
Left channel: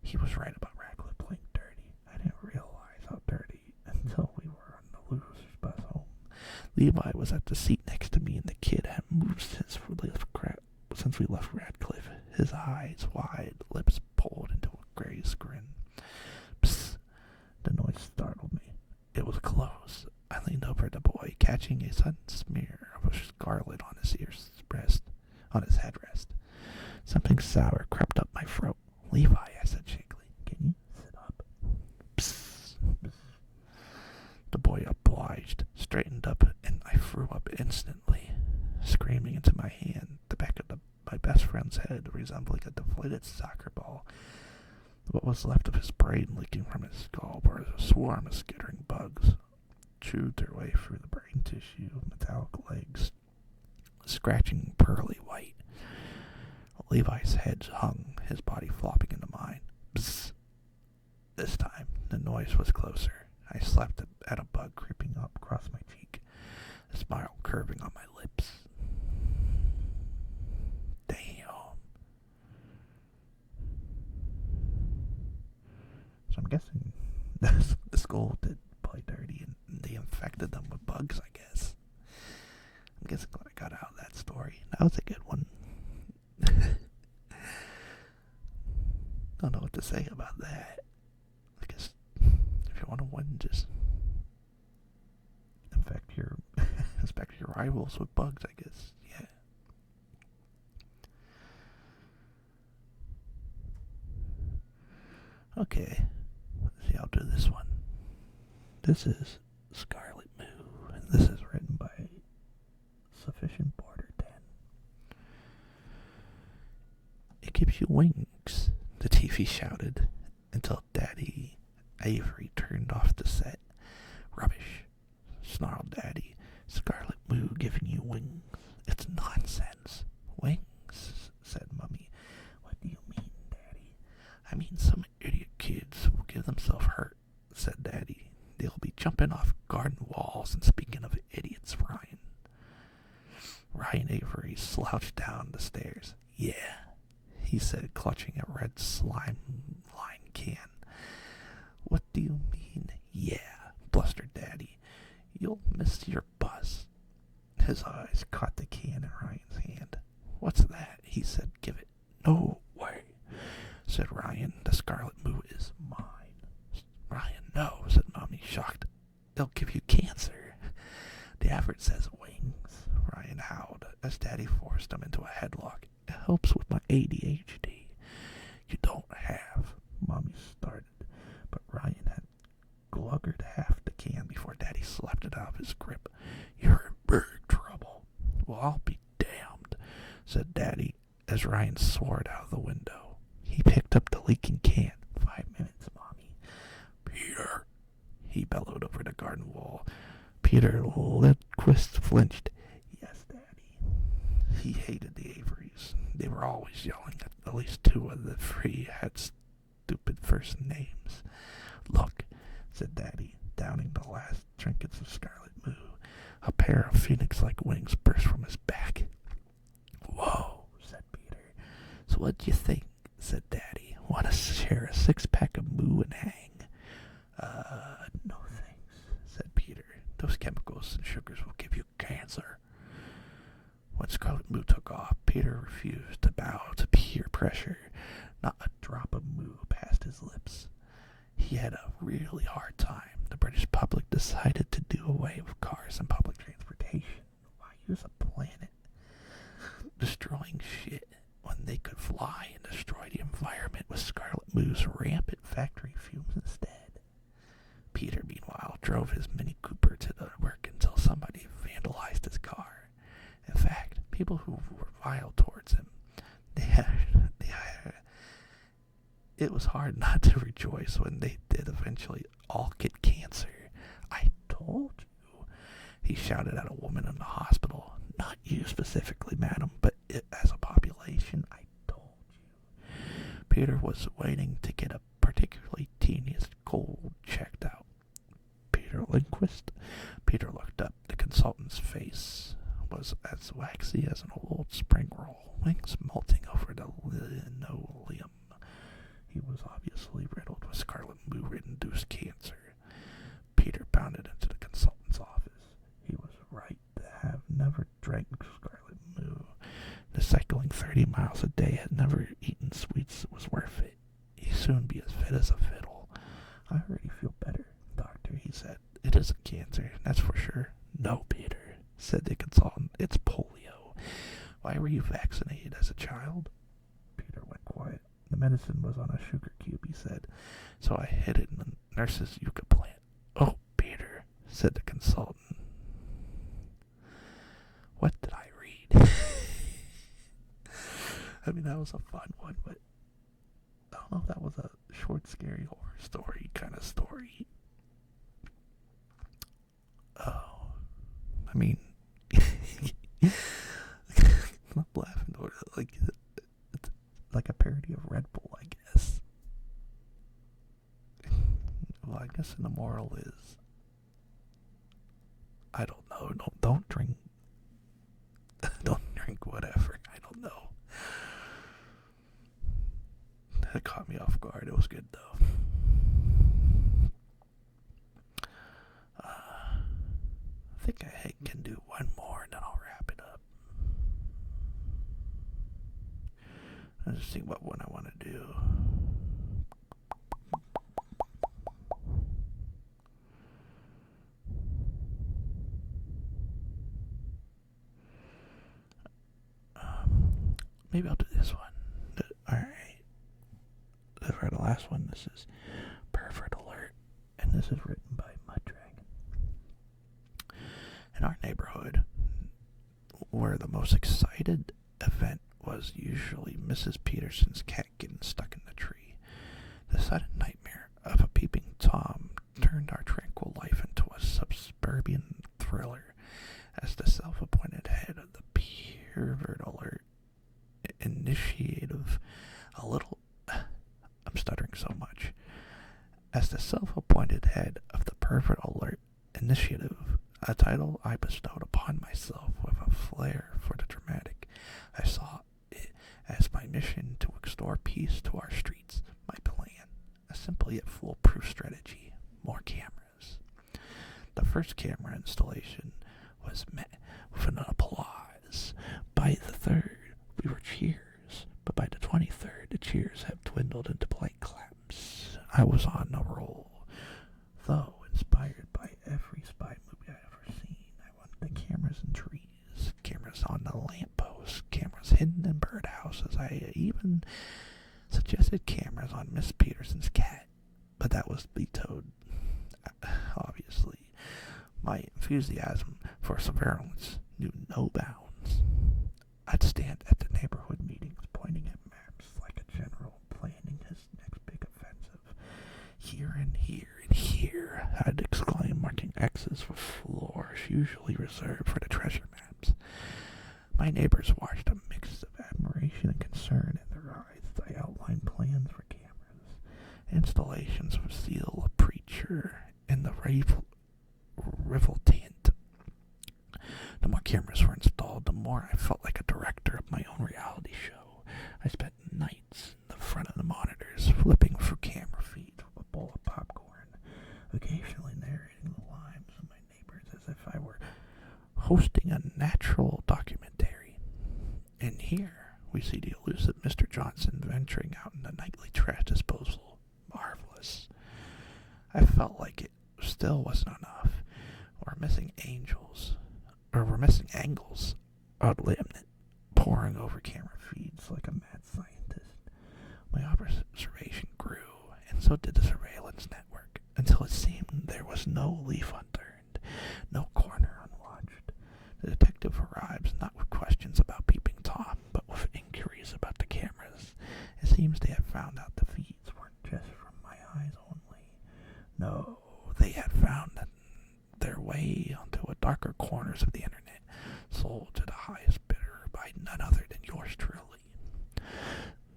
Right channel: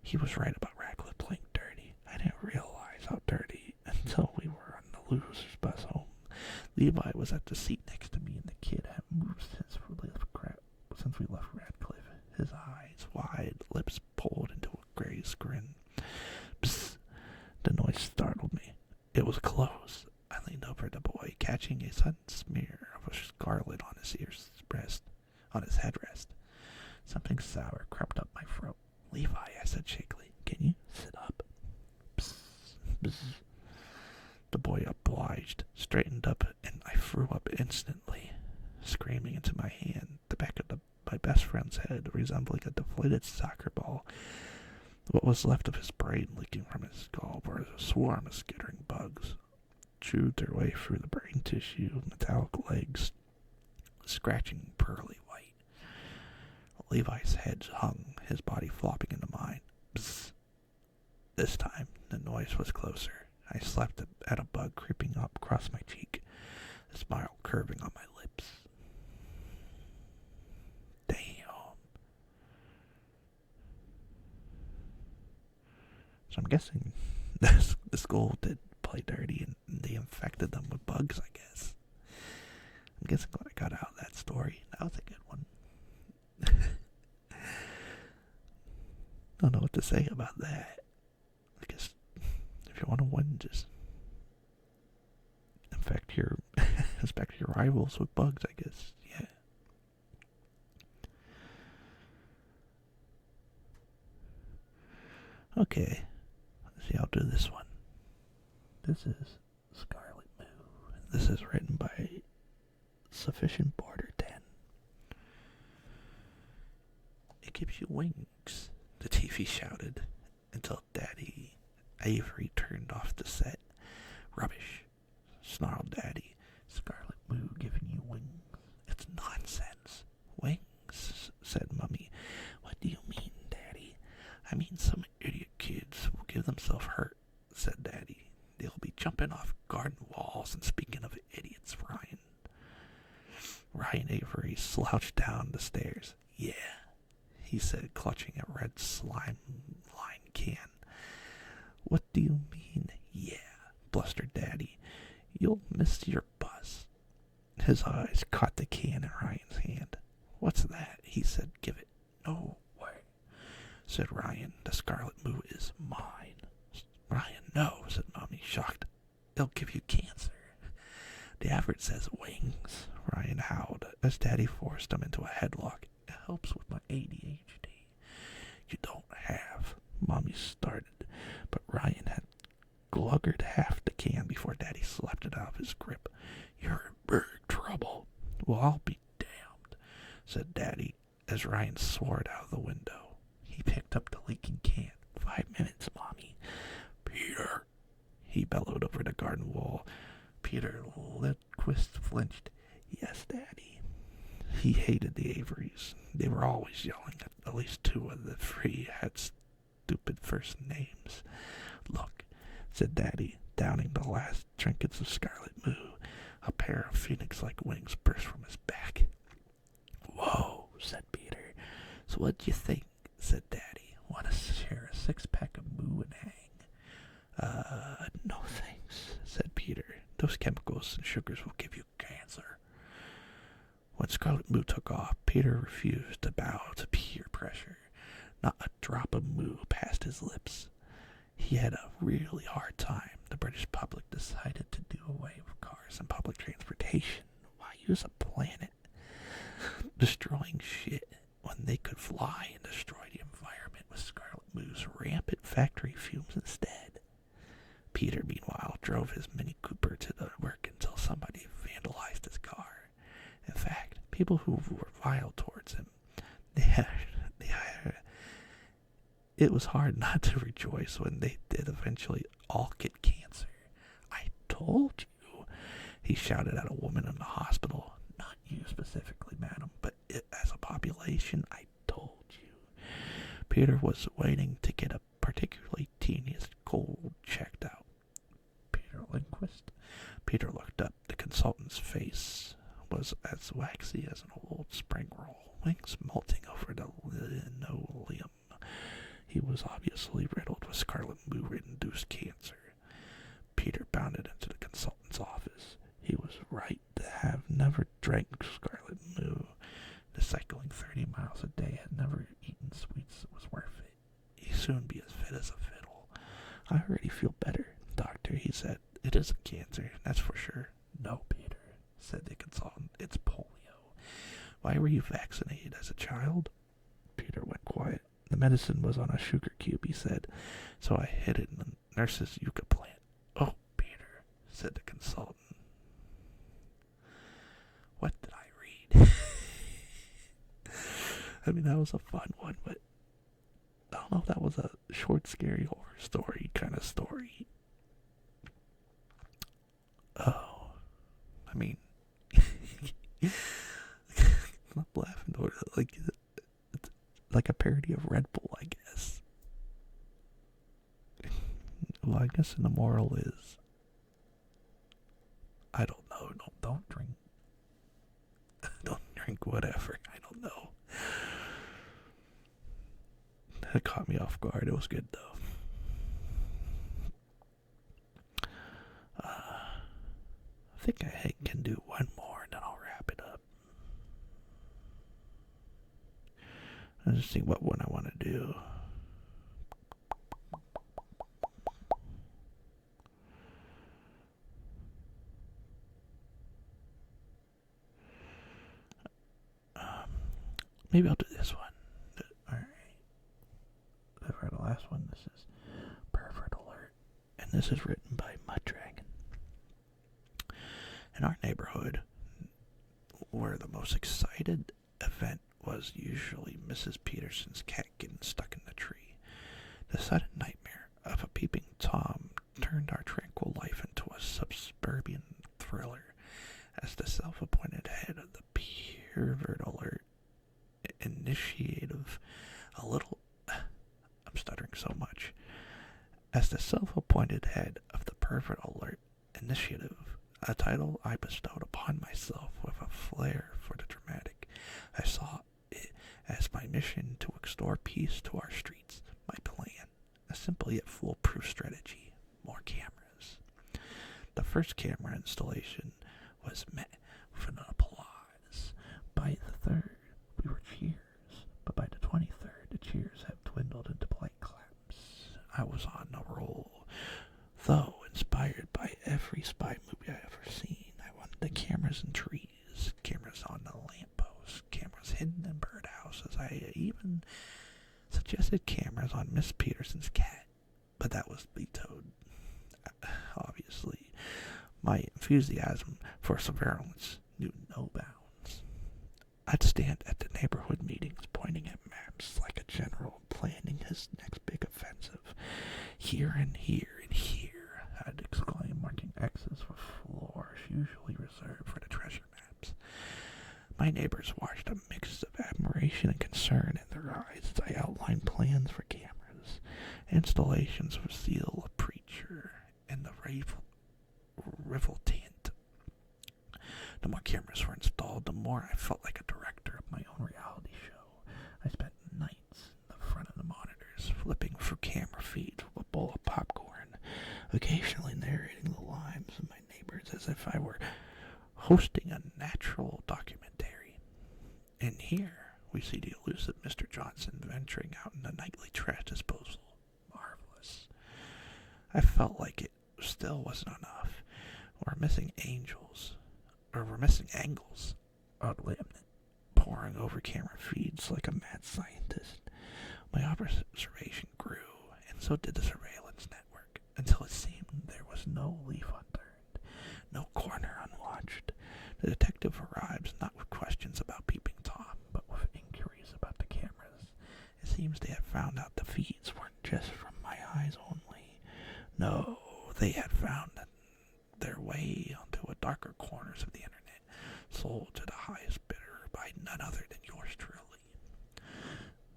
He was right about Ratcliffe playing dirty. I didn't realize how dirty until we were on the loser's bus home. Levi was at the seat next to me, and the kid had moved since we left Ratcliffe. His eyes wide, lips pulled into a gray grin. Psst! The noise startled me. It was close. I leaned over the boy, catching a sudden smear of scarlet on his headrest. Something sour crept up my throat. Levi, I said shakily, can you sit up? Psst! Psst. The boy obliged, straightened up, and I threw up instantly, screaming into my hand, the back of my best friend's head resembling a deflated soccer ball. What was left of his brain leaking from his skull were a swarm of skittering bugs, chewed their way through the brain tissue, metallic legs, scratching pearly white. Levi's head hung, his body flopping into mine. Bzzz. This time, the noise was closer. I slapped at a bug creeping up across my cheek, a smile curving on my lips. Damn. So I'm guessing the school did play dirty and they infected them with bugs, I guess. I'm guessing what I got out of that story. That was a good one. Don't know what to say about that. I guess if you want to win, just infect your rivals with bugs, I guess. Yeah. Okay. Let's see, I'll do this one. This is Scarlet Moo. This is written by Sufficient Border 10. It gives you wings, the TV shouted, until Daddy Avery turned off the set. Rubbish, snarled Daddy. Scarlet Moo giving you wings. It's nonsense. Wings, said Mummy. What do you mean, Daddy? I mean some idiot kids will give themselves hurt, said Daddy. They'll be jumping off garden walls, and speaking of idiots, Ryan Avery slouched down the stairs. Yeah, he said, clutching a red slime line can. What do you mean, yeah? Blustered Daddy. You'll miss your bus. His eyes caught the can in Ryan's hand. "What's that?" he said. "Give it." "No way," said Ryan. "The Scarlet Moo is mine." "Ryan, no," said Mommy, shocked. "It'll give you cancer." "The advert says wings," Ryan howled as Daddy forced him into a headlock. "It helps with my ADHD." "You don't have," Mommy started, but Ryan had gluggered half the can before Daddy slapped it out of his grip. "You're in big trouble." "Well, I'll be damned," said Daddy as Ryan soared out of the window. He picked up the leaking can. 5 minutes, Mommy." "Peter," he bellowed over the garden wall. Peter Lindquist flinched. "Yes, Daddy." He hated the Averys. They were always yelling. At least 2 of the 3 had stupid first names. "Look," said Daddy, downing the last trinkets of Scarlet Moo. A pair of phoenix-like wings burst from his back. "Whoa," said Peter. "So what do you think?" said Daddy. "Want to share a 6-pack of Moo and hang?" No thanks," said Peter. "Those chemicals and sugars will give you cancer." When Scarlet Moo took off, Peter refused to bow to peer pressure. Not a drop of Moo passed his lips. He had a really hard time. The British public decided to do away with cars and public transportation. Why use a planet destroying shit when they could fly and destroy the environment with Scarlet Moo's rampant factory fumes instead? Peter, meanwhile, drove his Mini Cooper to the work until somebody vandalized his car. In fact, people who were vile towards him, it was hard not to rejoice when they did eventually all get cancer. "I told you," he shouted at a woman in the hospital. "Not you specifically, madam, but as a population, I told you." Peter was waiting to get a particularly tedious cold checked out. "Peter Lindquist?" Peter looked up. The consultant's face was as waxy as an old spring roll, wings molting over the linoleum. He was obviously riddled with Scarlet Moo-induced cancer. Peter bounded into the consultant's office. He was right to have never drank Scarlet Moo. The cycling 30 miles a day had never eaten sweets was worth it. He'd soon be as fit as a fiddle. "I already feel better, doctor," he said. "It isn't cancer, that's for sure." "No, Peter," said the consultant. "It's polio." "Why were you vaccinated as a child?" Peter went quiet. "The medicine was on a sugar cube," he said, "so I hid it in the nurse's yucca plant." "Oh, Peter," said the consultant. What did I read? I mean, that was a fun one, but I don't know if that was a short, scary horror story kind of story. Oh, I mean, I'm laughing over like it's like a parody of Red Bull, I guess. Well, I guess the moral is, I don't know. Don't drink. Don't drink whatever. I don't know. That caught me off guard. It was good though. I think I can do one more and then I'll wrap it up. Let's just see what one I want to do. Maybe I'll do this one. Alright. For the last one, this is Pervert Alert. And this is written by Muddragon. In our neighborhood, where the most excited event was usually Mrs. Peterson's cat getting stuck in the tree, the sudden nightmare of a peeping Tom turned our tranquil life into a suburban thriller as the self-appointed head of the Pervert Alert initiative I'm stuttering so much. As the self-appointed head of the Pervert Alert Initiative, a title I bestowed upon myself with a flair for the dramatic, I saw it as my mission to extort peace to our streets, my plan, a simple yet foolproof strategy, more cameras. The first camera installation was met with an I was on a roll. Though inspired by every spy movie I ever seen, I wanted the cameras in trees, cameras on the lampposts, cameras hidden in birdhouses. I even suggested cameras on Miss Peterson's cat, but that was vetoed. Obviously, my enthusiasm for surveillance knew no bounds. I'd stand at the neighborhood meetings pointing at maps like a general planning his next big offensive. Here and here and here, I'd exclaim, marking X's with floors usually reserved for the treasure maps. My neighbors watched a mix of admiration and concern in their eyes as I outlined plans for cameras, installations with zeal, a preacher, and the revoltant. The more cameras were installed, the more I felt like a director of my own reality show. I spent nights in the front of the monitors, flipping through camera feeds with a bowl of popcorn, occasionally narrating the lives of my neighbors as if I were hosting a natural documentary. And here we see the elusive Mr. Johnson venturing out in the nightly trash disposal. Marvelous. I felt like it still wasn't enough. We're missing angles, oddly omniscient, poring over camera feeds like a mad scientist. My observation grew, and so did the surveillance network, until it seemed there was no leaf unturned, no corner unwatched. The detective arrives not with questions about Peeping Tom, but with inquiries about the cameras. It seems they had found out the feeds weren't just from my eyes only. No, they had found their way onto the darker corners of the internet, sold to the highest bidder by none other than yours truly.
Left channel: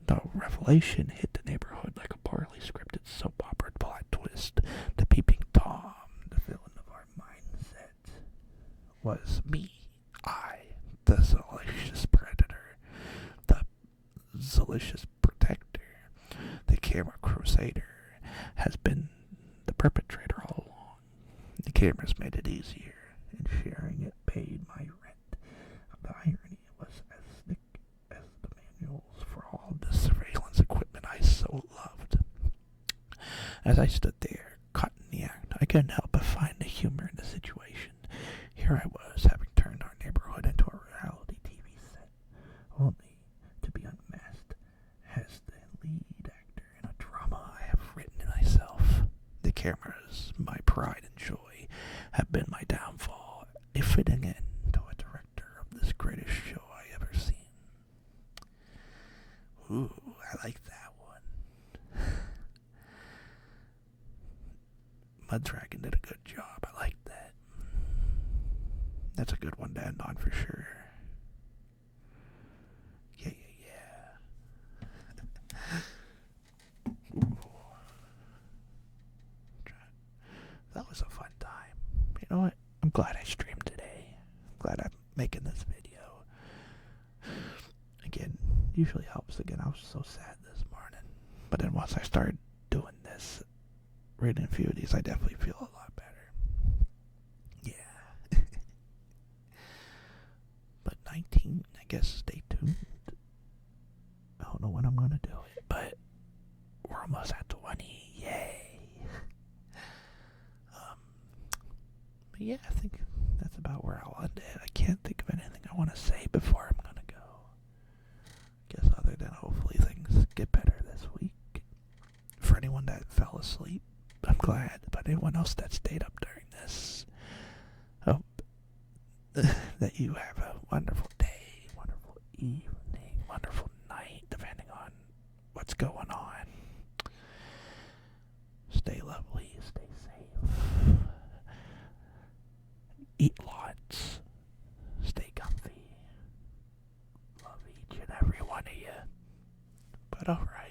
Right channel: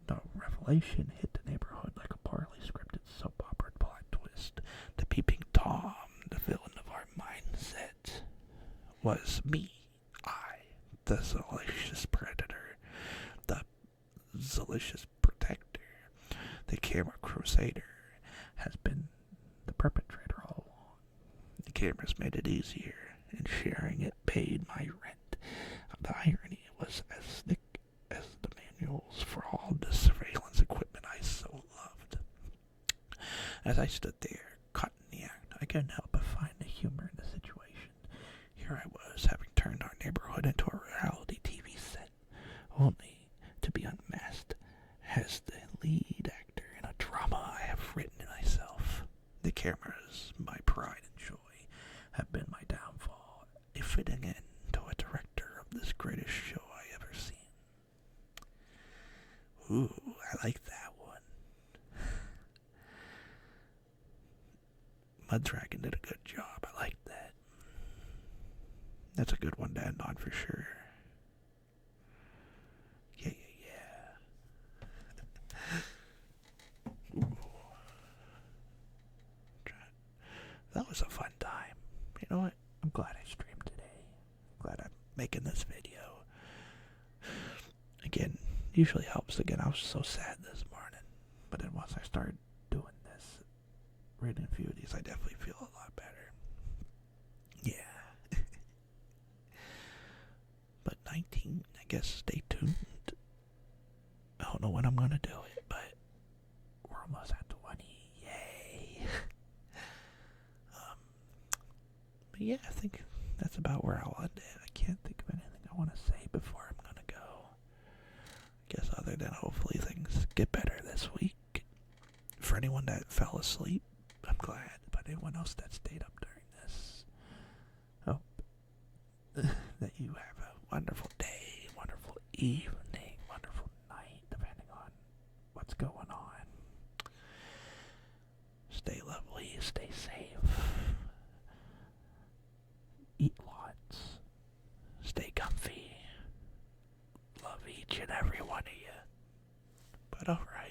The revelation hit the neighborhood like a poorly scripted soap opera plot twist. The Peeping Tom, the villain of our mindset, was me. I, the salacious predator, the salacious protector, the camera crusader, has been the perpetrator all along. The cameras made it easier, and sharing it paid my rent. The irony was as thick as the manuals for all the surveillance equipment I so loved. As I stood there, caught in the act, I couldn't help but find the humor in the situation. Here I was, having turned our neighborhood into a reality TV set, only to be unmasked as the lead actor in a drama I have written myself. The cameras, my pride and joy, have been my downfall, a fitting end to a director of this greatest show I ever seen. Ooh, I like that one. Muddragon did a good job. I like that. That's a good one to end on for sure. Yeah. Ooh. That was a fun time. You know what? I'm glad I streamed today. I'm glad I'm making this video. Again, usually helps. Again, I was so sad this morning. But then once I started doing this, reading a few of these, I definitely feel a lot better. Yeah. But 19, I guess, stay tuned. I don't know when I'm going to do it, but we're almost at 20. Yay. But yeah, I think that's about where I'll end it. I can't think of anything I want to say before I'm going to go. I guess other than hopefully things get better this week. For anyone that fell asleep, I'm glad. But anyone else that stayed up during this, hope that you have a wonderful day, wonderful evening, wonderful night, depending on what's going on. Stay lovely, stay safe. Eat lots. Stay comfy. Love each and every one of you. But alright.